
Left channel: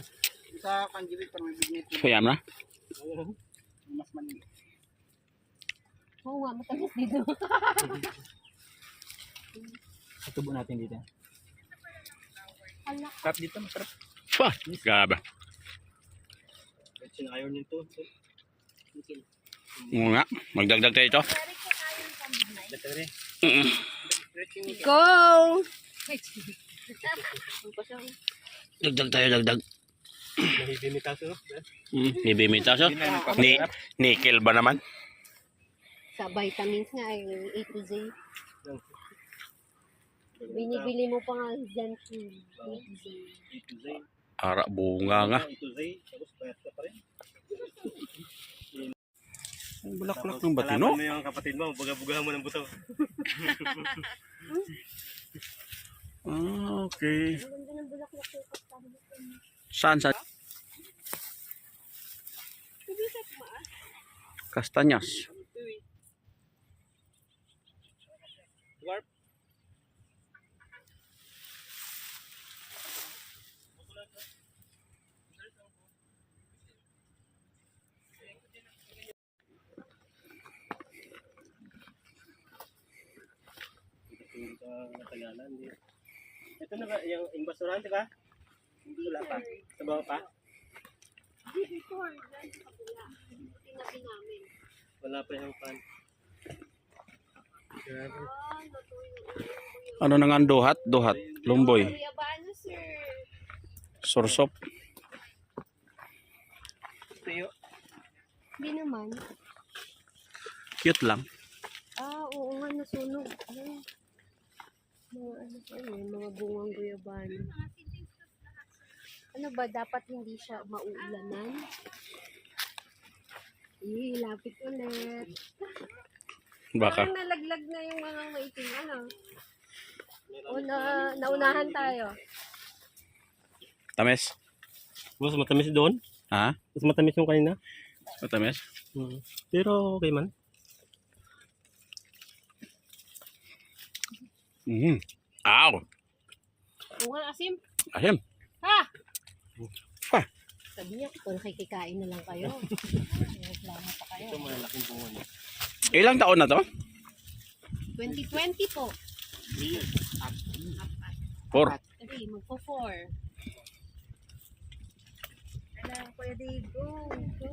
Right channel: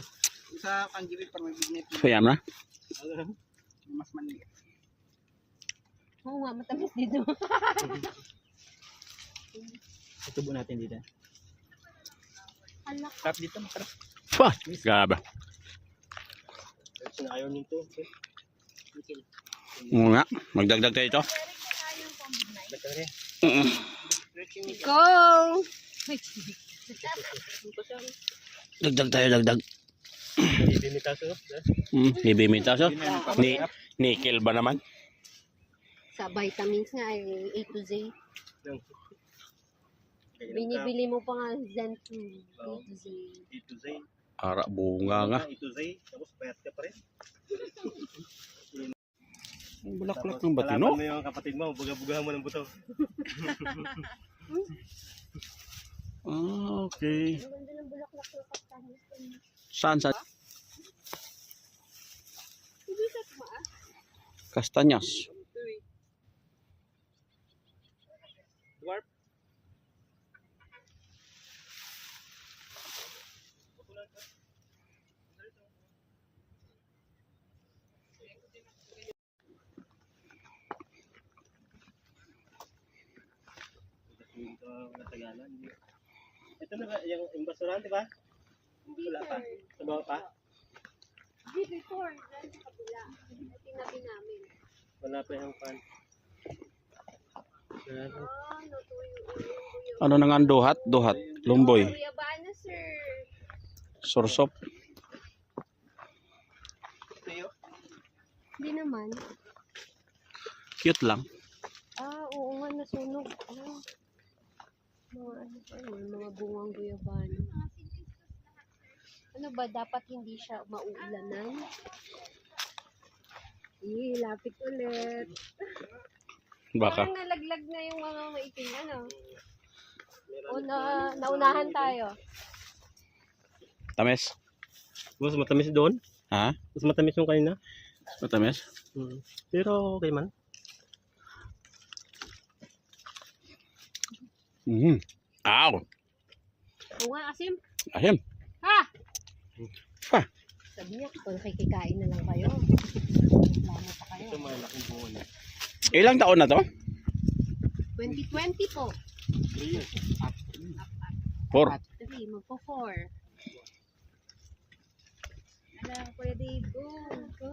Sa kanjiwit para may bignet. Kaya na. Mas maliit. Oo nga, matamis dito. Itubo natin dito. Tap dito, masarap. Wah, grabe. Sinayaw niyo ito. Oo nga, magdagdag tayo ito. Go! Dagdag tayo, dagdag. Bimitaso. Bibimitaso. Nickel ba naman? Sa vitamins nga, yung A to Z. Binibili mo pa nga Zen food. A to Z. Ito Z. Ara, bunga nga. Ito Z. Tapos payat ka pa rin. Ang bulaklak ng batino. Mo yung kapatid mo, buga-bugahan mo ng buto. Ah, okay. Saan? Kastanyas. Dwarf. Ito na ba, yung basurahan, di ba? Wala pa. Sa baba pa? Di before, dahil sa kabila. Tinabi namin. Wala pa yung pan. Grabe. Ano na nga ang duhat? Duhat. Lumboy. Kuya ba na, sir? Sorsop. Hindi naman. Cute lang. Oo nga, nasunog. Mga ano pa yun, mga bungang guyabano. Ano ba, dapat hindi siya maulanan? Lapit ulit. Baka. Parang nalaglag na yung mga maitim, ano? Naunahan tayo. Tamis. Mas matamis doon? Ha? Mas matamis yung kanina? Matamis? Pero okay man. Aw. Oo nga, asim. Ahem. Ha! Pa. Sabi niya, kung nakikikain na lang kayo. Reklamo pa kayo. Ito malaking bunga niya. Ilang taon na to? 2020 po. 3 years. 4. 3, magpo-4. Ano, Kuya Dave, go, go.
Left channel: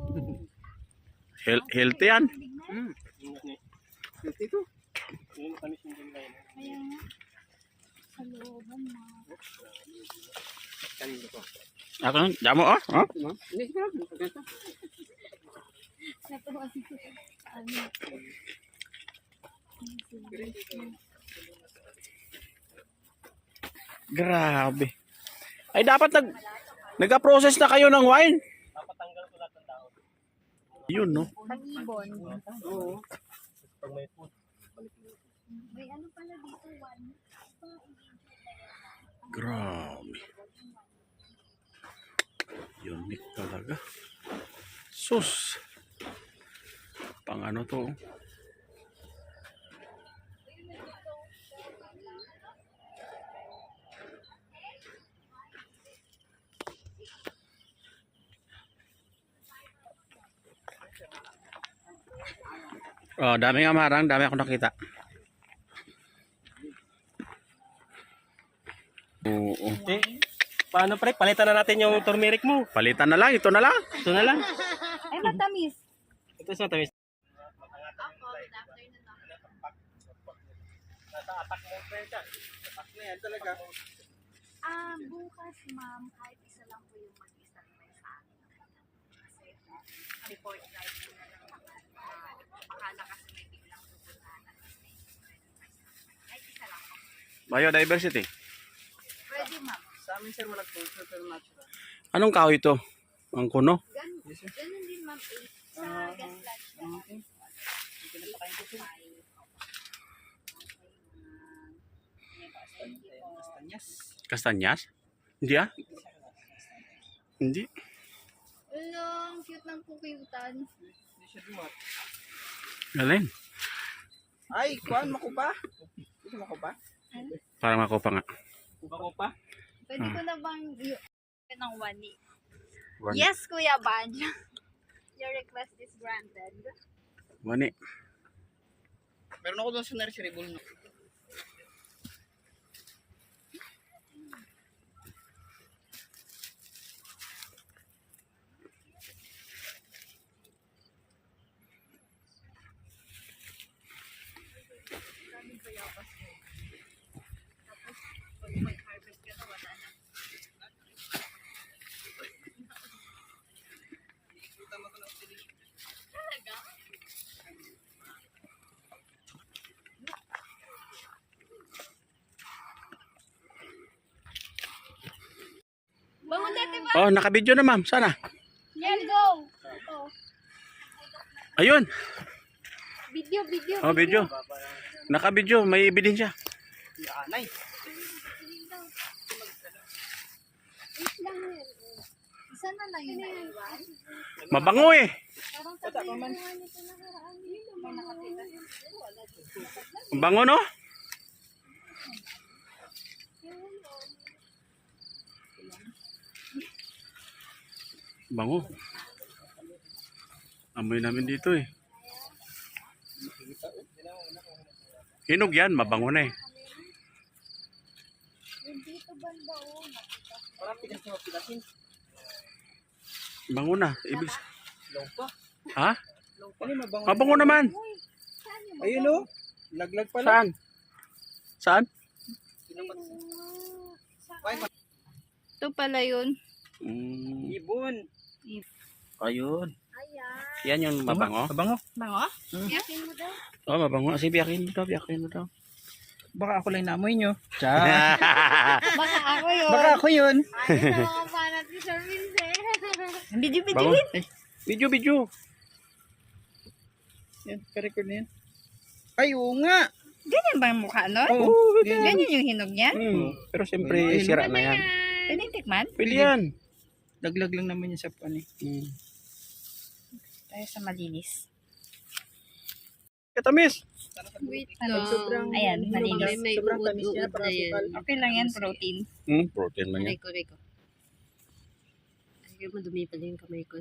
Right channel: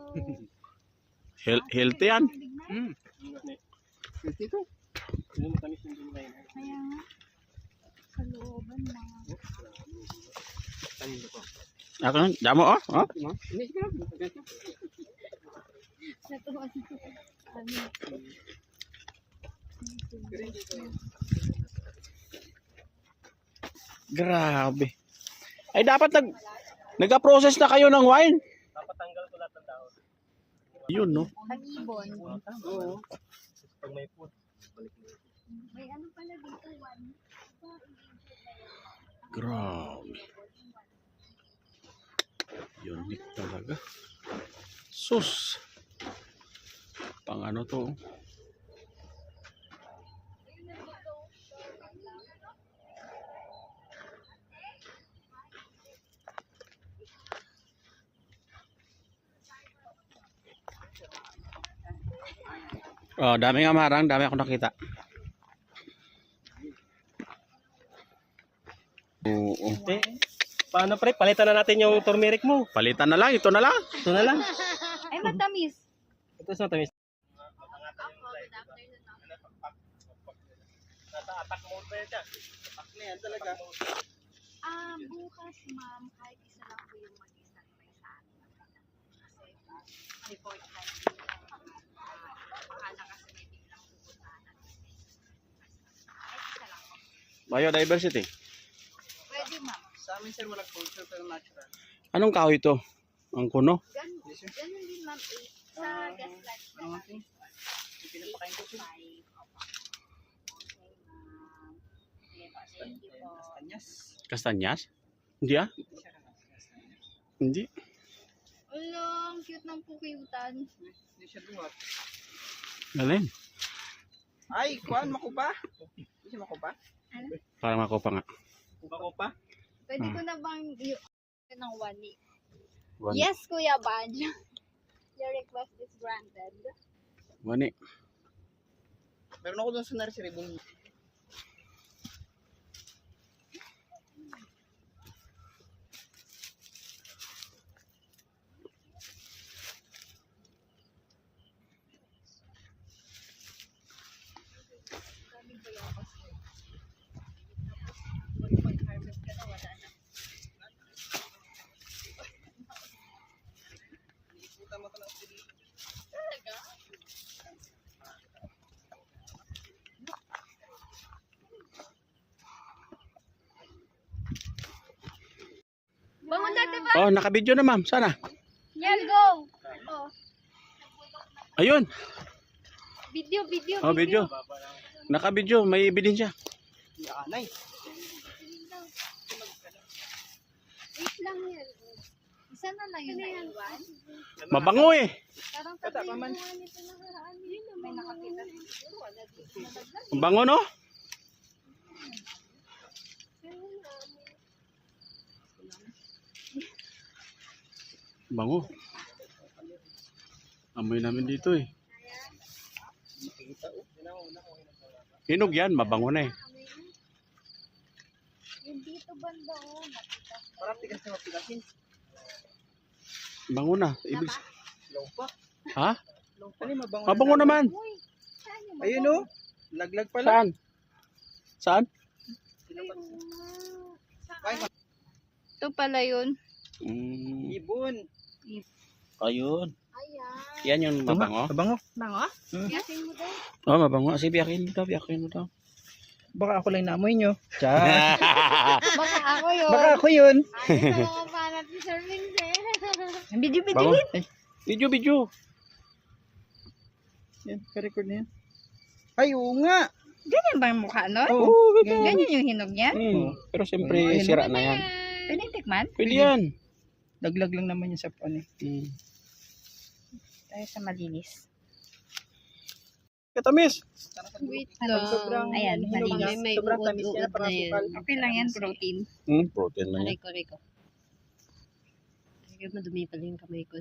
Healthy yan. Ingat niya. Dito. Yung matamis yung bunga yun. Kaya nga, sa looban na. Kanino ko? Ako, damo oh. Oh. Hindi, siguro. Ganito. Natuwa si ano. Grabe. Ay dapat nag-process na kayo ng wine. Papatanggal ko lahat ng dahon. Yun no. Pag-ibon. Oo. Pag may food. May ano pala dito, one. Grabe. Unique talaga. Sus. Pang ano to? Oh, dami nga marang, dami ako nakita. Oo. Eh, paano pre? Palitan na natin yung turmeric mo. Palitan na lang, ito na lang. Ito na lang. Ay, matamis. Ito sa matamis. Yan talaga. Bukas, ma'am, kahit isa lang po yung mag-standby sa amin. Kasi report kahit bahala kasi may biglang pupuntahan at kahit isa lang po. Biodiversity. Pwede, ma'am. Sa amin sir, walang culture pero natural. Anong kahoy ito? Ang kuno? Ganun din, ma'am. 8 sa gas plant. Okay. Pinapakain ko sir. 5. Thank you po. Kanyas. Kastanyas? Hindi ah? Hindi. Ang cute ng pukyutan. Hindi siya duwat. Galing. Ay, kuhaan mo ko ba? Hindi mo ko ba? Parang ako pa nga. Bako pa? Pwede ko na bang ng wani? Wani. Yes, Kuya Badge. Your request is granted. Wani. Meron ako doon sa nursery bull. Bangon natin ba? Oh, naka-video na ma'am. Sana. Yan, go! Oh, Ayun. video. Oh, video. Naka-video. May ebidensya. Anay. Wait lang yan. Isa na lang yun na iwan. Mabango eh. Parang sabi na nito nakaraan. May nakakita. Mabango no? Bango. Amoy namin dito eh. Hinog yan, mabango na eh. Yung dito banda oh. Parang tigas na mapilasin. Bango na. Ibig Long pa. Ha? Long pa. Ano mabango? Mabango naman. Uy, saan yung Ayun o. Laglag pala. Saan? Saan? Ito pala yun. Ibon. Ayun. Ayan. Yan yung mabango. Mabango. Bango? Yakin mo daw. Oh, mabango. Sige, biyakin mo daw. Biyakin mo daw. Baka ako lang naamoy nyo. Ciao. Baka ako yun. Baka ako yun. Ayos na mga panat ni Sir Vincent. Video. Bango. Video. Yan, ka-record na yan. Ay, oo nga. Ganyan ba yung mukha nun? Oo, Ganyan yung hinog niya? Pero siyempre, sira na yan. Pwedeng tikman? Pwede yan. Laglag lang naman yan sa pan eh. Tayo sa malinis. Katamis. Wait Sobrang, Ayan, ano, malinis. sobrang tamis niya, parang sukal. Okay lang yan, protein. Protein lang yan. Rico. Sige, madumi pala yung kamay ko.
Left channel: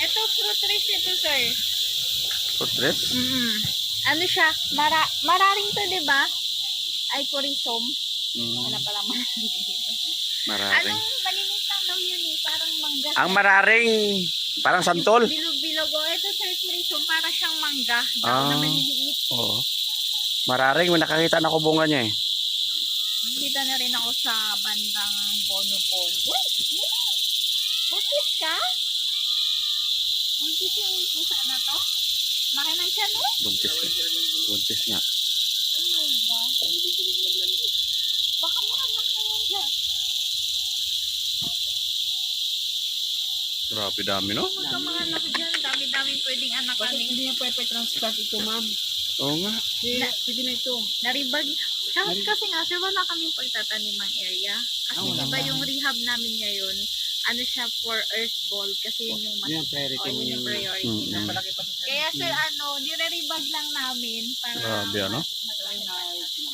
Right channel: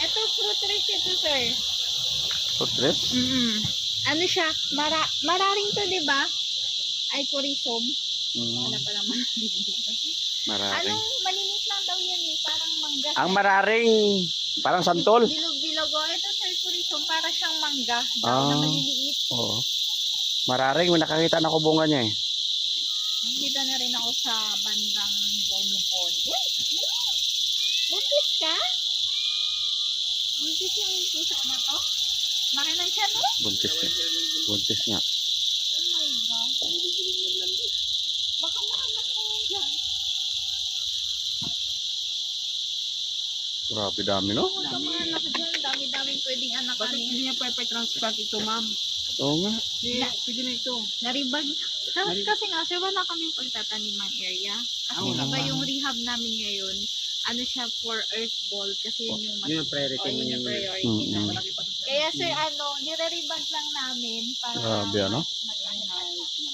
Ito, fruit trees ito, sir. Portrait? Ano siya? Mararing to, di ba? Ay, kurisom. Wala Mm, pala mararing dito. mararing. Anong malinis lang daw yun eh. Parang mangga. Ang mararing, parang santol. Bilog-bilog. Oh, ito, sir, kurisom. Para siyang mangga. Ah. Na maliliit. Oo. Mararing, may nakakita na ko bunga niya eh. Nakita na rin ako sa bandang Bonobon. Uy! Buntis ka? Buntis yung pusa na to? Laki na siya, no? Buntis nga. Buntis nga. Oh my God. Baka makanak na yan dyan. Grabe dami, no? Baka makanak dyan. Dami-daming pwedeng anak Bakit kami. hindi niya pwede transplant ito, ma'am? Oo nga. Pwede na ito. Naribag. Kasi nga, sir, wala kaming pagtatanimang area. Kasi iba yung rehab namin ngayon. Ano siya for earth ball. Kasi yun yung mas Yun ang priority yun mo yung yung priority Mm-mm. na. malaki pa ito sa Kaya sir, nire-rebag lang namin para Grabe, ano? maglaki pa siya.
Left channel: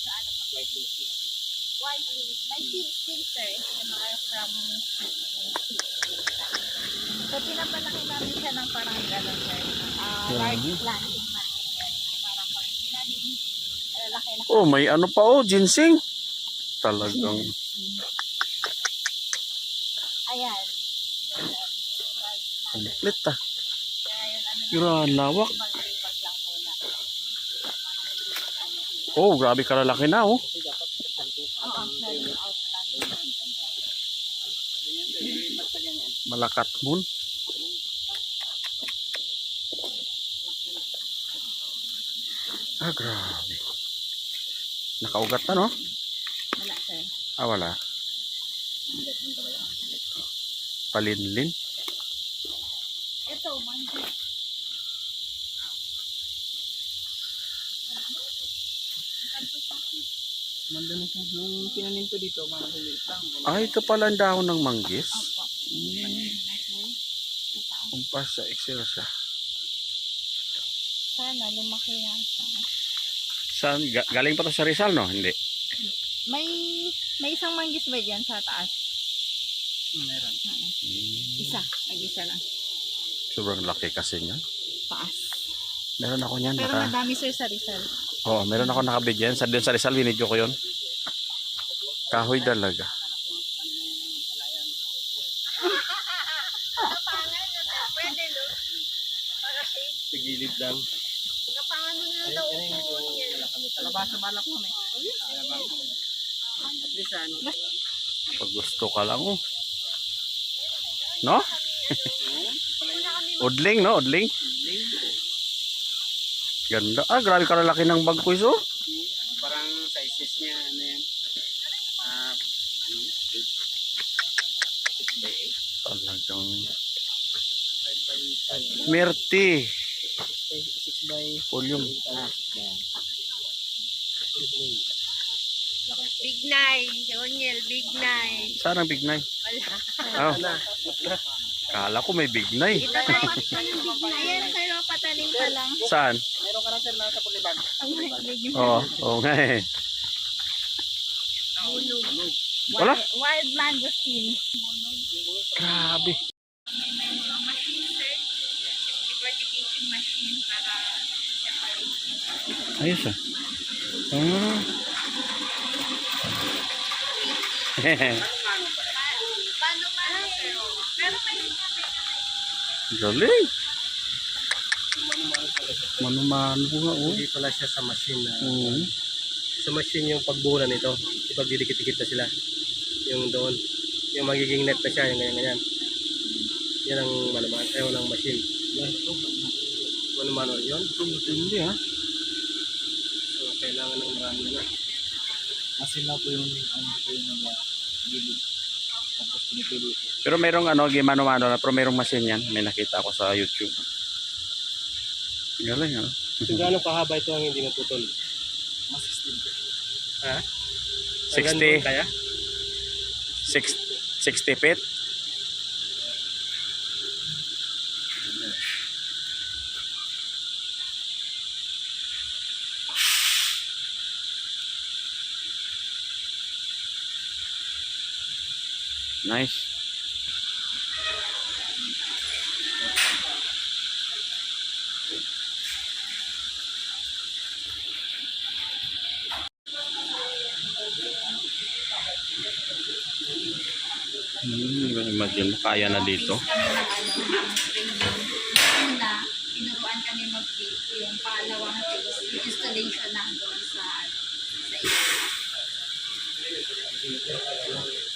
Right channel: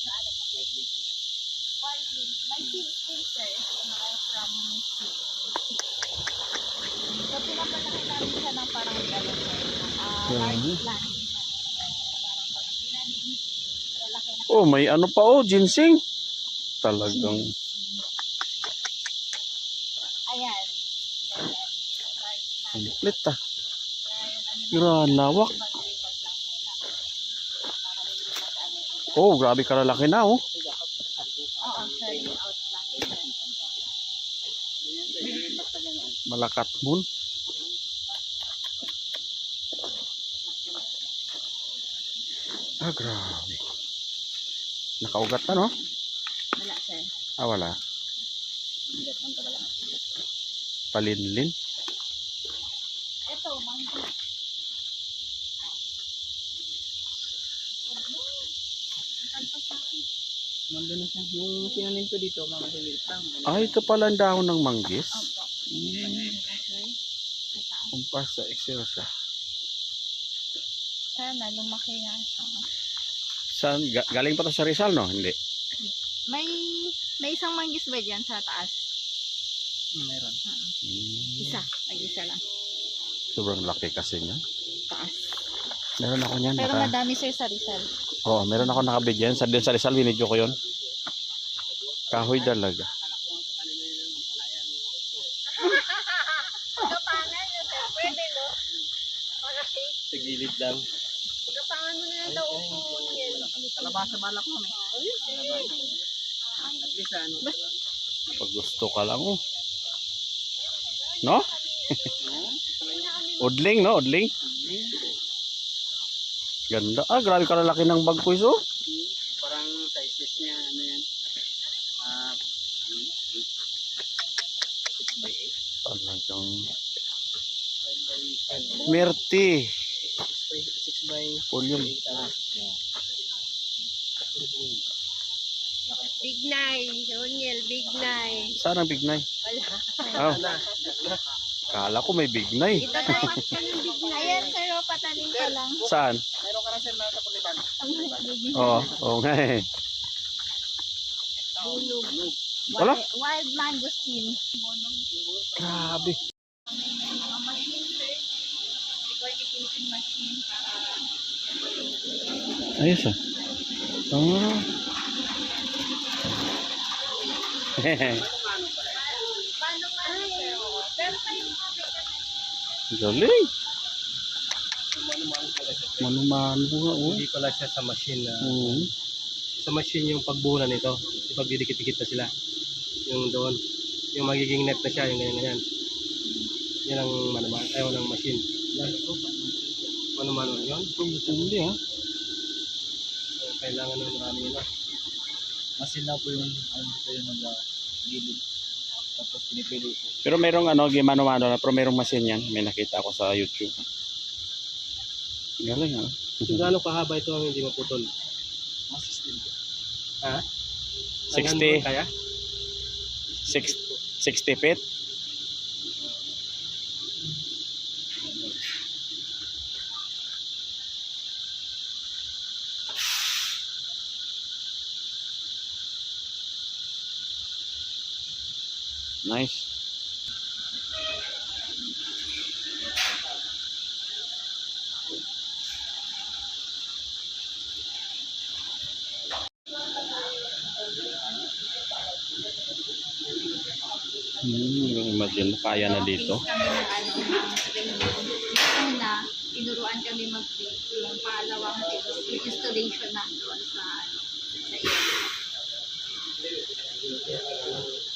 Na ano pa? Wild leaf. May seeds din, sir. Yung mga from seeds. So, pinapalaki namin siya ng parang gano'n, sir. Large planting namin, sir. Parang pag ginanigit, laki na. Oh, may ano pa oh, ginseng. Talagang Ayan. Ganyan. Large planting. complete ah. Kaya yun, ano Grabe, lawak. rebag lang muna. Para hindi mag-ano. Oh, grabe kalalaki na oh. Oo, sir. Yung outplanting namin. Malakat moon. Ah, grabe. Nakaugat na, no? Wala, sir. Ah, wala. Palinlin. Ito, mangga. Nandun na siya. Nung tinanim ko dito, mga maliit lang. Ah, ito pala ang dahon ng manggis. Opo. Kumpas sa Excel siya. Sana lumaki yan. Saan? Galing pa to sa Rizal, no? Hindi. May isang manggis ba dyan sa taas? Meron. Isa. Mag-isa lang. Sobrang laki kasi niyan. Taas. Meron ako niyan. Pero madami, sir, sa Rizal. Oo, meron ako nakabigyan. Sa Rizal, binidyo ko yun. Kahoy talaga. Gapangan nyo, sir. Pwede, no? Para shade. Sa gilid lang. Gapangan mo na lang daw upo yan. Kalabasa balak mo, eh. Kalabasa. At least, ano. Pag gusto ka lang, oh. No? Udling, no? Udling. Ganda. Ah, grabe kalalaki ng bag ko iso. Parang sizes niya, ano yan. Ah, 6x8. Talagang 5x10. Merti. 6x8. Volume. Big Nine. Onyel, Big Nine. Saan ang bignay? Wala. Oh. Kala ko may bignay. Itatanim ka ng bigla. Ayan, sir, oh, patanim ka lang. Saan? Meron ka na sir na sa puliban. Oo, oo nga eh. Wala? Wild mangosteen. Grabe. May mga machine, sir. Decorticating machine para Ayos ah. Ah. paano nga, sir? Oh. Pero may Galing. Mano-mano nga oh. Hindi pala siya sa machine na Oo. sa machine yung pagbuhulan nito. Ipagdidikit-dikit na sila. Yung doon. Yung magiging net na siya, yung ganyan-ganyan. Yan ang manaman. Ayaw ng machine. Mano-mano yun. Hindi ah. So, kailangan ng marami na. Masin lang po yung ano po yung nag-gilid. Tapos pinipili po. Pero merong ano, gimano-mano na, pero merong machine yan. May nakita ako sa YouTube. Galing ah. Kung gaano kahaba ito ang hindi maputol? Masis din po. Ha? 60. Kaya? 60 feet. Nice. Imagine mo, kaya na dito. kami ng training. Una, tinuruan kami mag-build. Yung pangalawang phase, yung installation na doon sa iyo.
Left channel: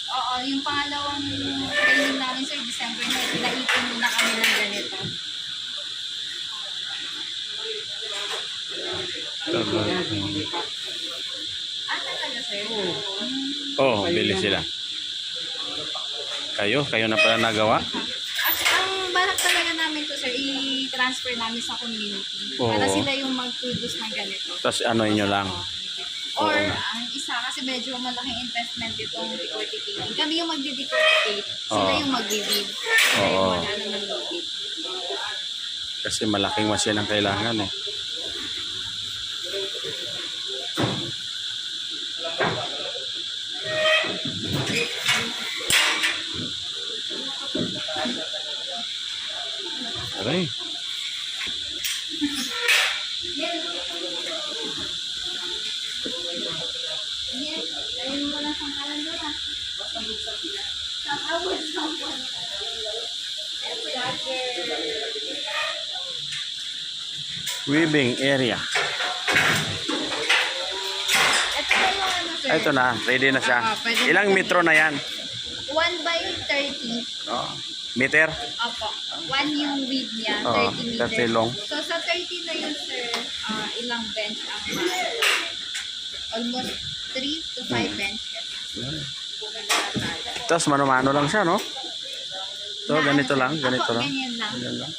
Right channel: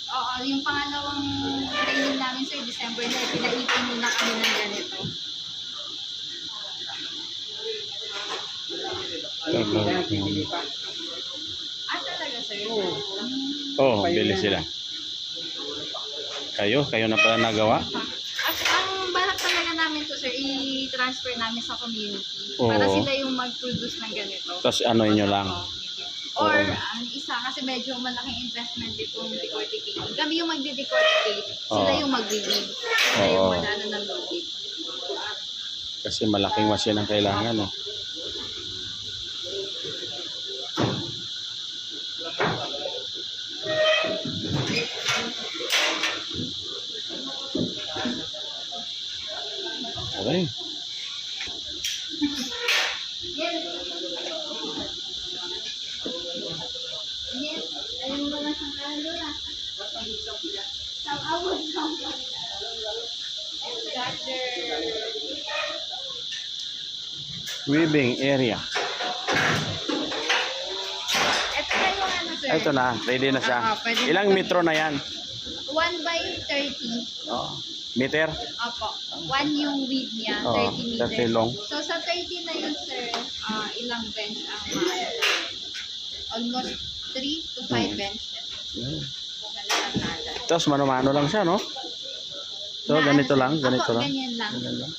Oo, yung pangalawang training namin, sir, December na, pinaipon muna kami ng ganito. Talaga, sir? Oh, bili sila. Kayo na pala nagawa. Ang balak talaga namin to, sir, i-transfer namin sa community. Oo. Para sila yung mag-produce ng ganito. Tapos ano inyo lang. Or, Oo nga. ang isa, kasi medyo malaking investment itong decorticating. Kami yung magde-decorticate, sila Oo. yung mag-weave. Sila Oo. yung mag-ano ng lubid. Kasi malaking machine ang kailangan eh. Aray. Yes, ayun mo lang sa kalandura. Tapos, Weaving area. ito na yung ano, sir. Ito na, ready na siya. Pwede na Ilang po. metro na yan? 1 by 30. Oh. Meter? Opo. 1 yung width niya, Oo, 30 meters. 30 long. So, sa 30 na yun, sir, ilang bench ang almost 3 to 5 benches. Kung nagkakala. Tapos mano-mano lang siya, no? So, Na ganito ano, lang, sir? ganito Opo, lang. ganyan lang. Ganyan lang.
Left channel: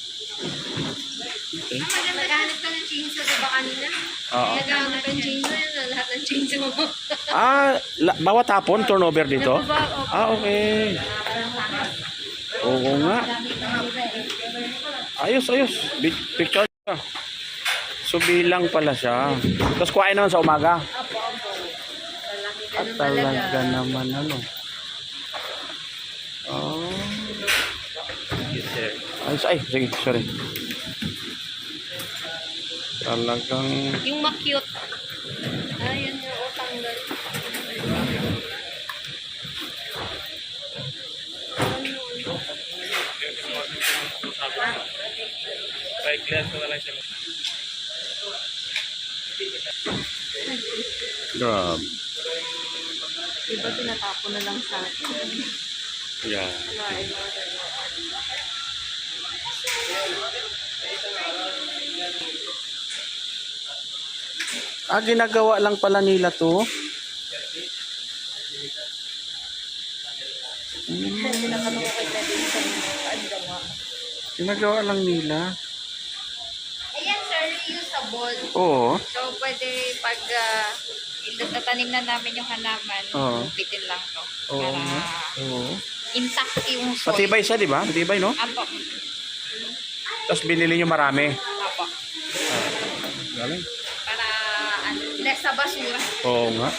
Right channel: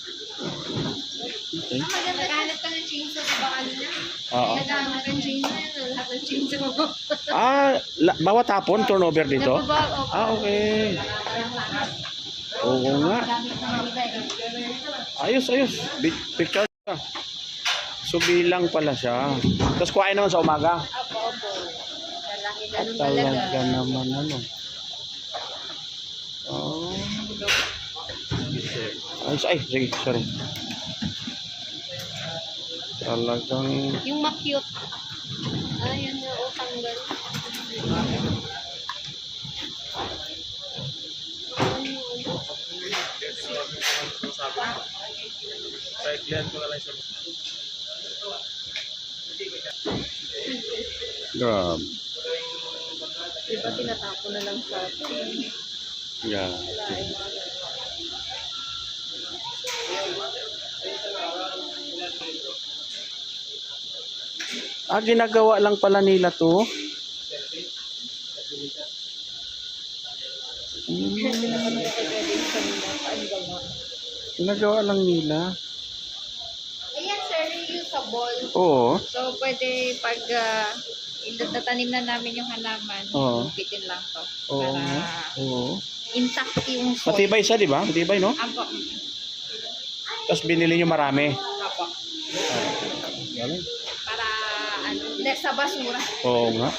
Okay. Maghanap ka ng chainsaw, diba kanina? Oo. Naghahanap ng chainsaw, lahat ng chainsaw mo. Bawat hapon, turnover dito? Opo. Okay. Oo nga. Gamit ng iba eh. Ayos. Picture ka. So, bilang pala siya. Tapos kuhain naman sa umaga. Opo. At talaga naman ano. Oh. Ay, sige, sorry. Talagang Yung ma-cute. Ayan nga, o tanggal. grabe. Iba tinatapon na lang sa atin. Yeah. Ginagawa lang pala nila to. Ginagawa lang nila. Ayan, sir, reusable. Oo. So, pwede pag tatanim na namin yung halaman, Oo. bitin lang to. Oo Para nga. Oo. intact yung soil. Matibay siya, di ba? Matibay, no? Apo. Tapos binili nyo marami. Apo. Galing. Para less sa basura. Oo nga.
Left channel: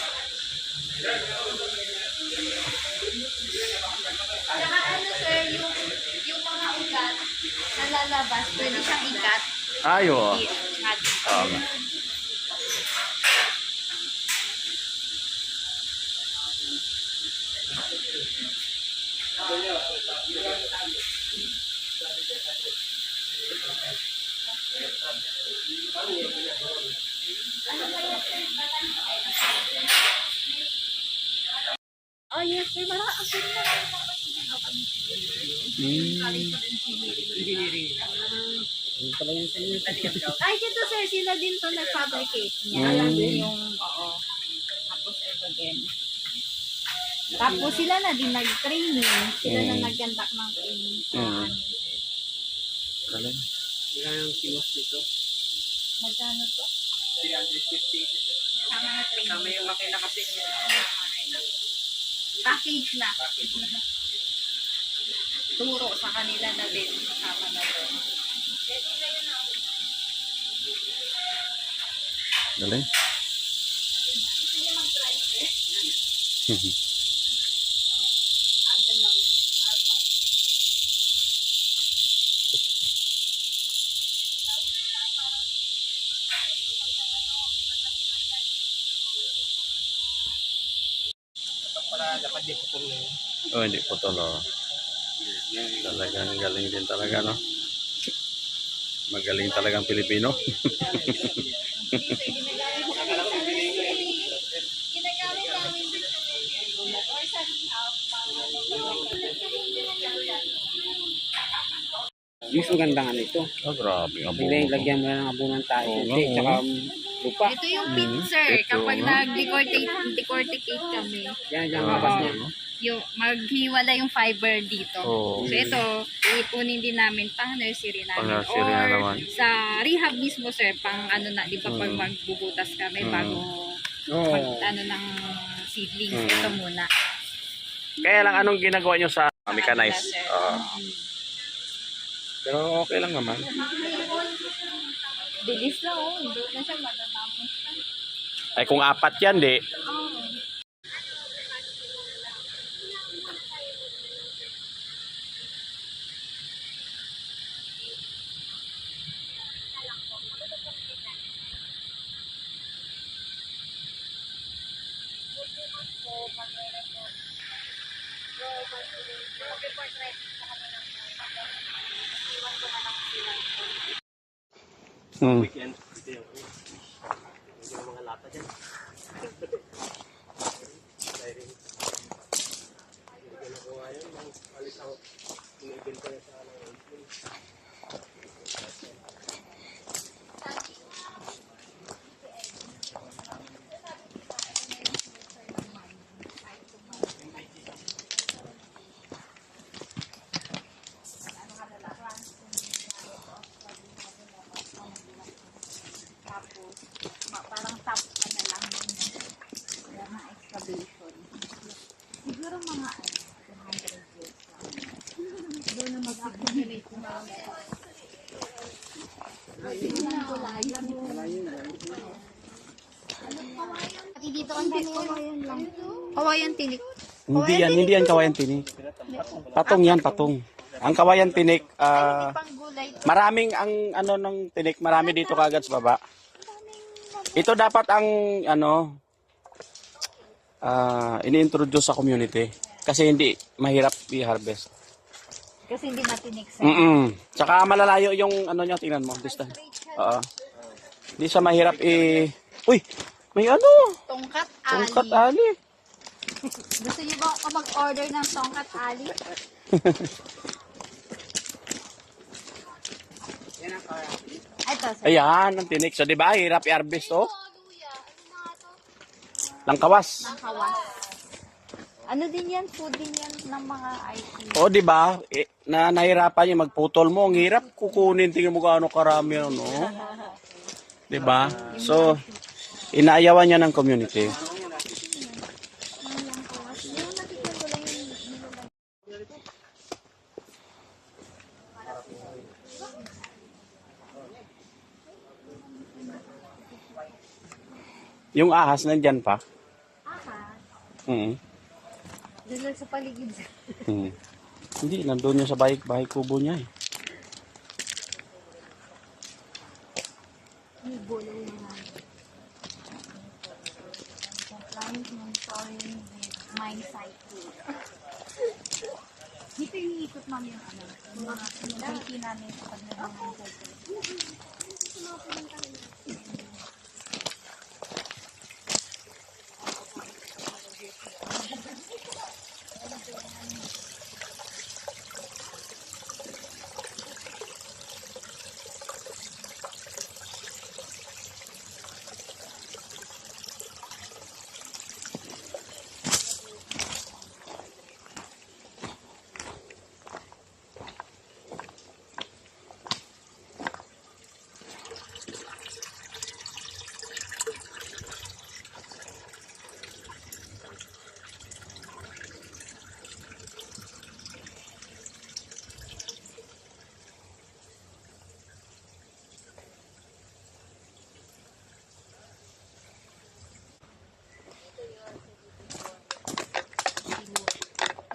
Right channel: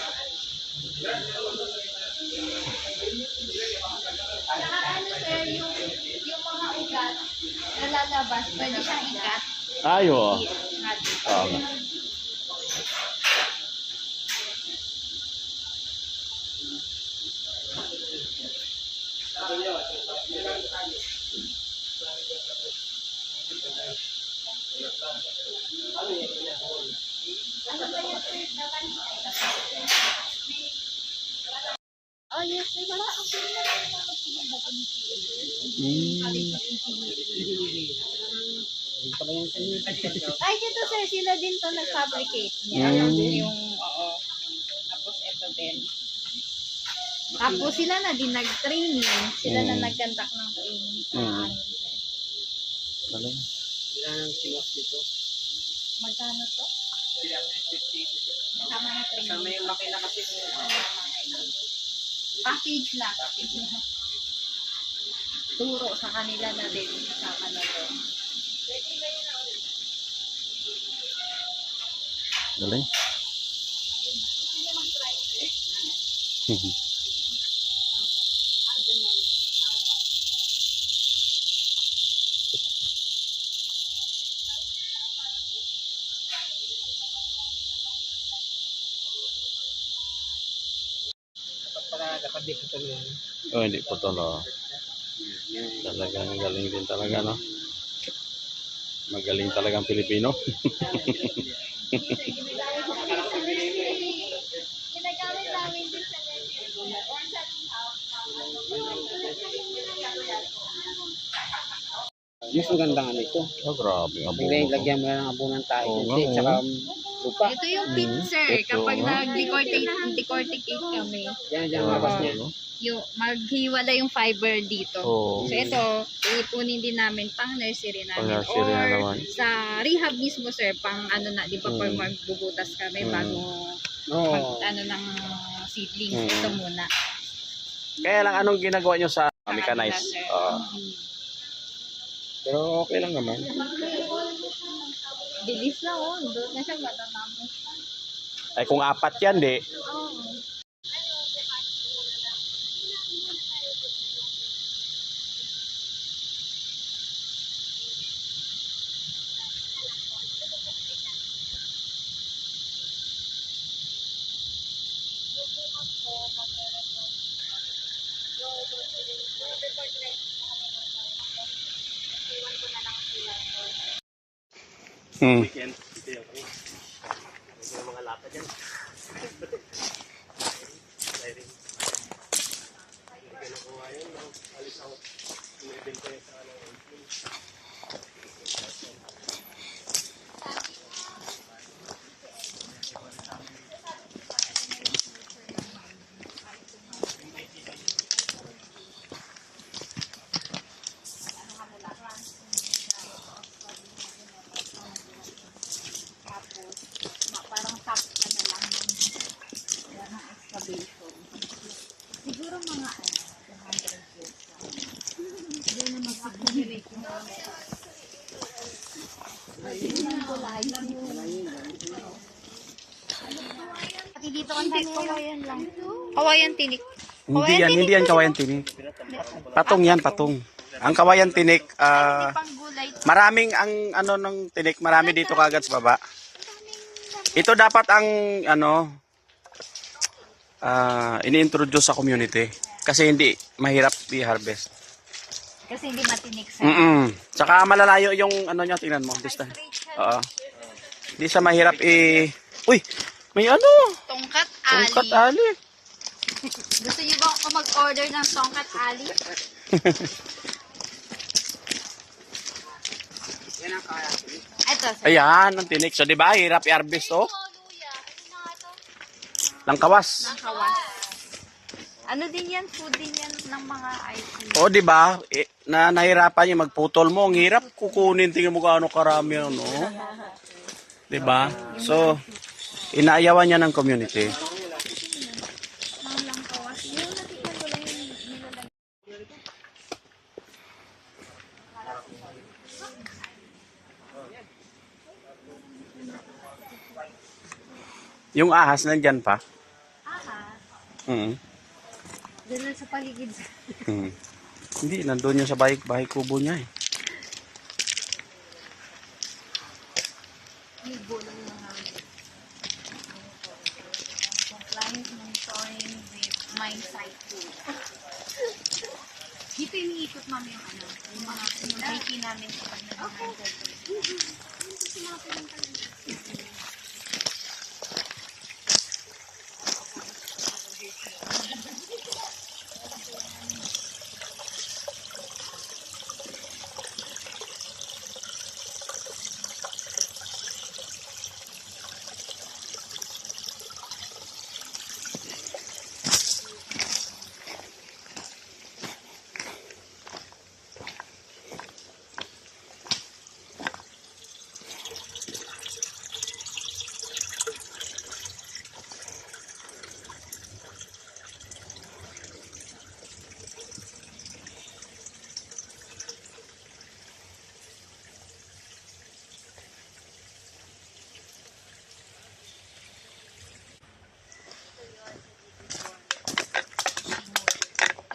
Saka ano sir, yung mga ugat na lalabas, pwede siyang ikat. Ay, oo. I-cut. Oo nga. Oh yes sir, ay, dito sir, sila din to nag-fabricate niya. Yung, oo. Tapos ito din. Tapos sila na din nag-training. Sila na nag-conduct ng training sa amin, sir. Galing. Yan ang siwas dito. Magkano to? 350. Kasama na training. Kasama yung makina kasi. Package na. Turo sa kanila na din. Kasama na doon. Galing. Dapat di ko tuloy. Oh, hindi po to, no. Talagang galing din talaga, no? Magaling talagang Pilipino. Ginagamit namin din sa or sa rehab. Mas maganda nga nito. Oh, grabe. Abo. Hindi, lagyan mo na ng abunan tayo. Oo nga, Hindi, oo. tsaka lupa. Ito yung pit, sir. Ito, Kapag no? nag-decorticate kami, Yan, Oo. mabas na. yung maghiwala yung fiber dito. Oo. So ito, iipunin din namin pang nursery namin. Pang-nursery na Or naman. sa rehab mismo, sir, pang ano na, di ba, pag magbubutas kami bago Oo. mag, ano ng seedlings. Ito muna. Kaya lang, anong ginagawa nyo sa mechanize? Sir. Pero okay lang naman. Bilis lang, oh. Doon na siya matatapos. Ay, kung apat yan, di. Oh. Weekend. Ito yung mga lata dyan. Parang top ka na lang yun. Yan ang excavation. Siguro mga 200 years lang. Doon na mag-accumulate yung dito ang kawayan lang. Kawayan tinik. Hindi yan kawayan tinik. Patong yan, patong. Ang kawayan tinik, Panggulay. maraming ang ano ng tinik, marami dito kagad sa baba. Ito dapat ang ano ini-introduce sa community kasi hindi mahirap i-harvest. Kasi hindi matinik sa Tsaka malalayo yung ano niya, tingnan mo, distance. Oo. Hindi siya mahirap Uy, may ano? tongkat ali. Tungkat ali. Gusto niyo ba ako mag-order ng tongkat ali? Yan ang kaya. Ito, sir. Ayan, ang tinik. So, di ba, hirap i-harvest, oh. Langkawas. Kawas. Ano din yan? Food din yan ng mga IT. O, di ba? Na nahirapan yung magputol mo. Ang hirap kukunin. Tingnan mo gaano karami yan, no? Di ba? So, inaayawan niya ng community. Mga lang kawas. Yung nakikita ko lang yung nilalang. Yung ahas nandyan pa. Aha. Mm. Doon lang sa paligid. Mm. Hindi, nandun yung sa bahay kubo niya eh. Libo lang mga Compliant monitoring with mine site food. Dito iniikot mami yung ano, yung mga community namin sa pag nag-mine site food.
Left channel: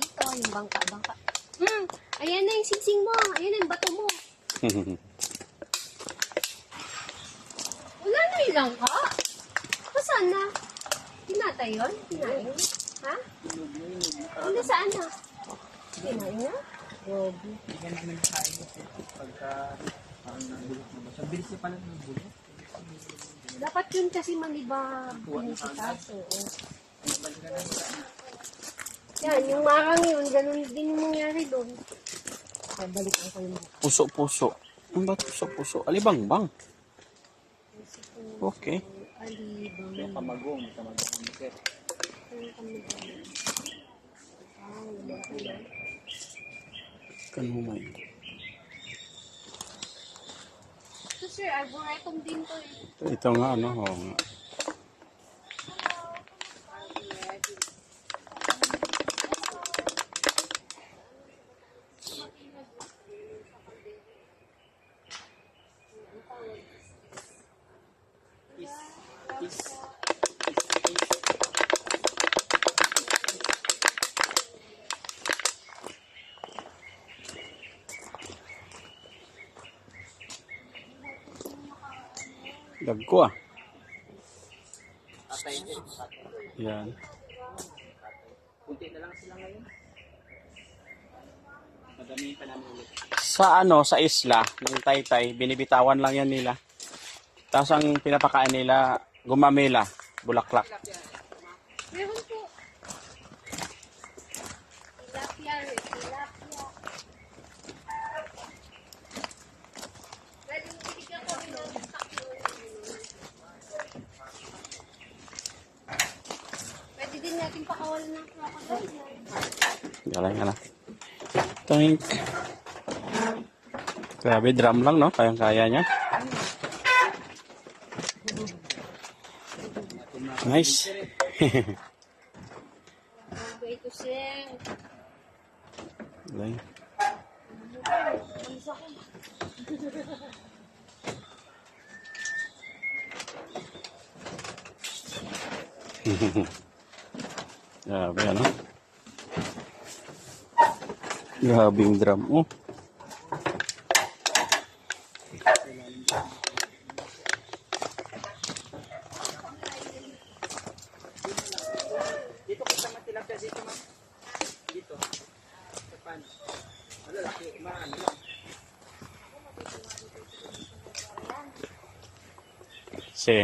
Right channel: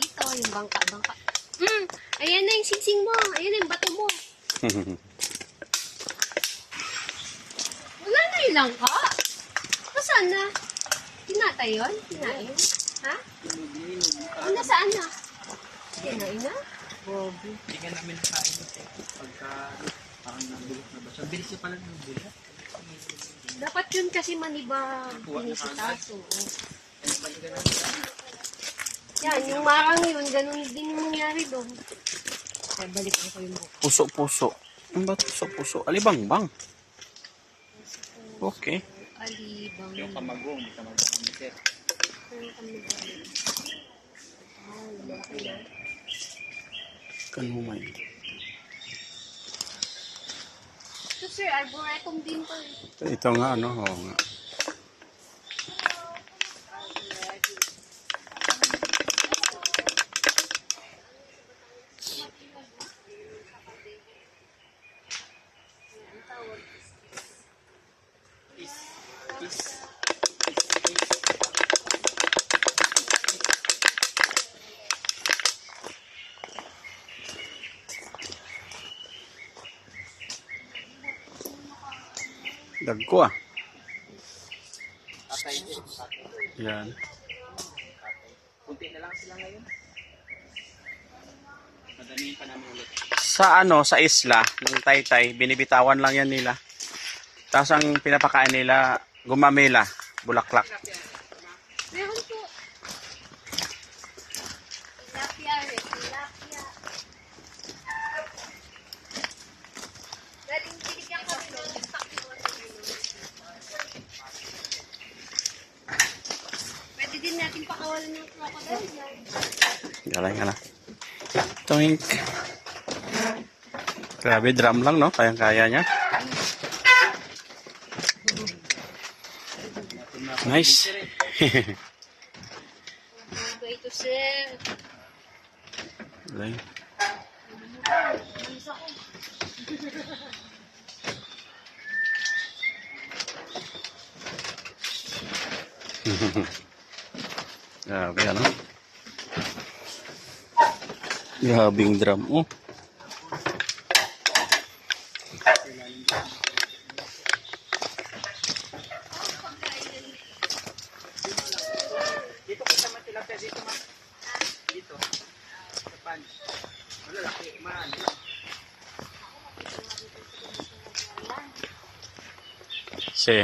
dito, yung bangka. Ayan na yung singsing mo. Ayan na yung bato mo. Wala na yung langka. Saan na? Tinatay yun? Kinain? Ha? Nasaan na? Kinain na? Bobby. Hindi ka namin nakain kasi pagka parang nabulok na ba siya. Bilis niya pala ng bulok. Dapat yun kasi maniba binisita. So, Ay, balikan na nila. yan, yung marang yun, ganun din yung nangyari doon. Kaya balikan ko yung buko. Puso-puso. Ano ba puso-puso? Alibang-bang. Okay. Alibang. Yung kamagong, may kamagong kami sir. Ano kami ba? Ah, lumaki na. Kanumay. Ito sir, arboretum din to. Ito nga, ano, oo nga. Dagko ah. Yan. Kunti na lang sila ngayon. Madamihin pa namin ulit. Sa ano, sa isla ng Taytay, binibitawan lang yan nila. Tapos ang pinapakain nila, gumamela, bulaklak. Meron po. Tilapia rin. Tilapia. Galing binigyan ko rin ng pwede din natin pakawalan ng crocodile. Galing na. Toink. Grabe, drum lang, no? Kayang-kaya niya. Nice. Okay, ito sir. Galing. Grabe, ano? Grabing drum. Oh. Dito ko sa matilapya dito ma. Dito. Sa pan. Wala laki. Maano lang. Si,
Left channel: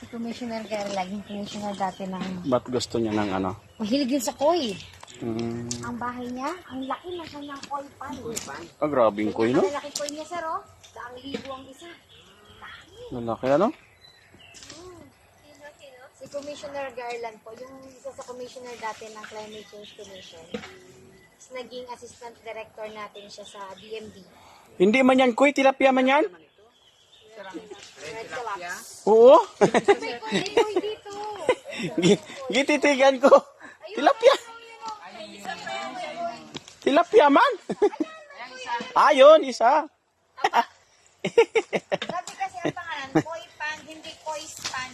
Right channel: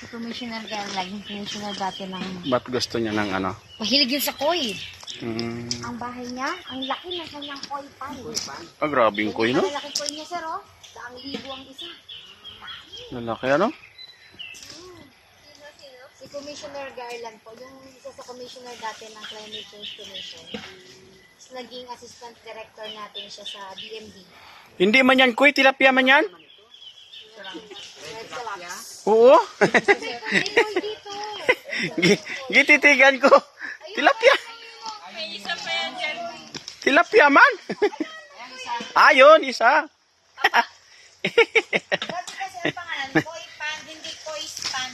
Si Commissioner Garland, yung commissioner dati ng... ba't gusto niya ng ano? Mahilig yun sa koi. Ang bahay niya, ang laki na siya ng oil pan. Ah, grabing koy, no? Ang laki ko niya, sir, oh. 1,000 ang isa. Lalaki, ano? Si Commissioner Garland po, yung isa sa commissioner dati ng Climate Change Commission. Tapos naging assistant director natin siya sa DMD. Hindi man yan koy, tilapia man yan? Red Salaps. Oo. Ay, boy, dito. Gititigan ko. Tilapia. Tilapia man. Ayun, isa. Grabe kasi ang pangalan, koi pan, hindi koi pan.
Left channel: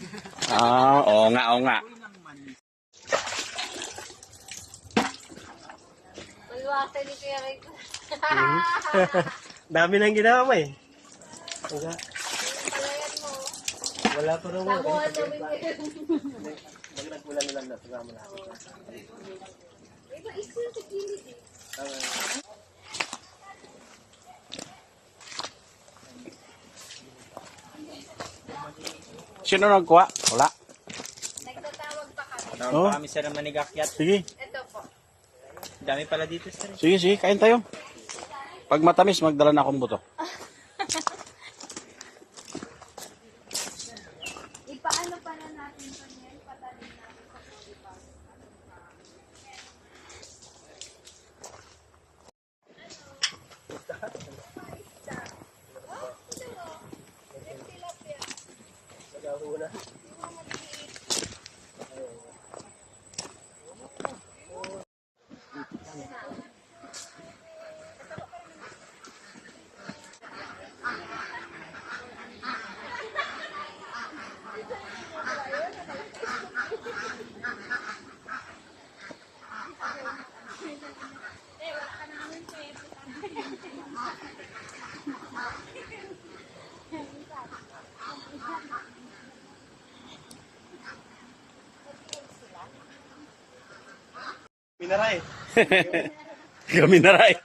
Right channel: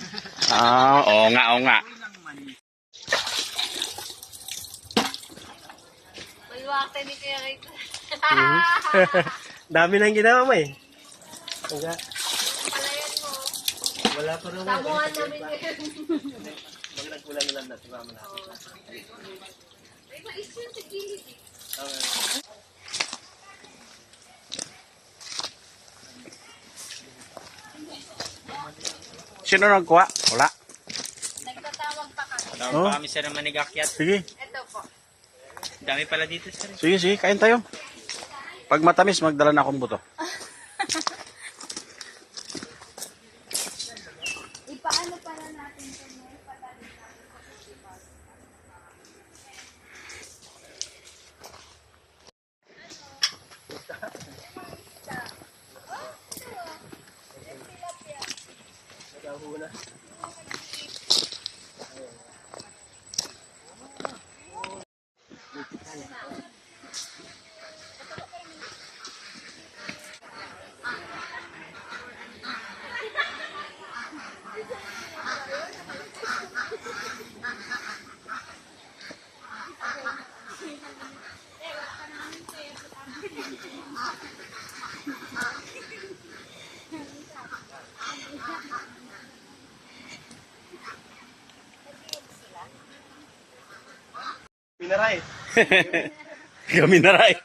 Oo nga, oo nga. May wate ni Kuya Rick. Dami nang ginawa mo eh. Palayan mo. Wala pa rin. Samuhan namin ngayon. Mag nagkulang lang na. Sumama na. May mais yun sa gilid eh. Sino nagkuha? Wala. Nagtatawag pa kami. Oh. Kami sir ang manigakyat. Sige, Ito po. Dami pala dito sir. sige, sige. Kain tayo. Pag matamis, magdala na akong buto. Ipaano pala natin ito? Minaray. Kami na rin.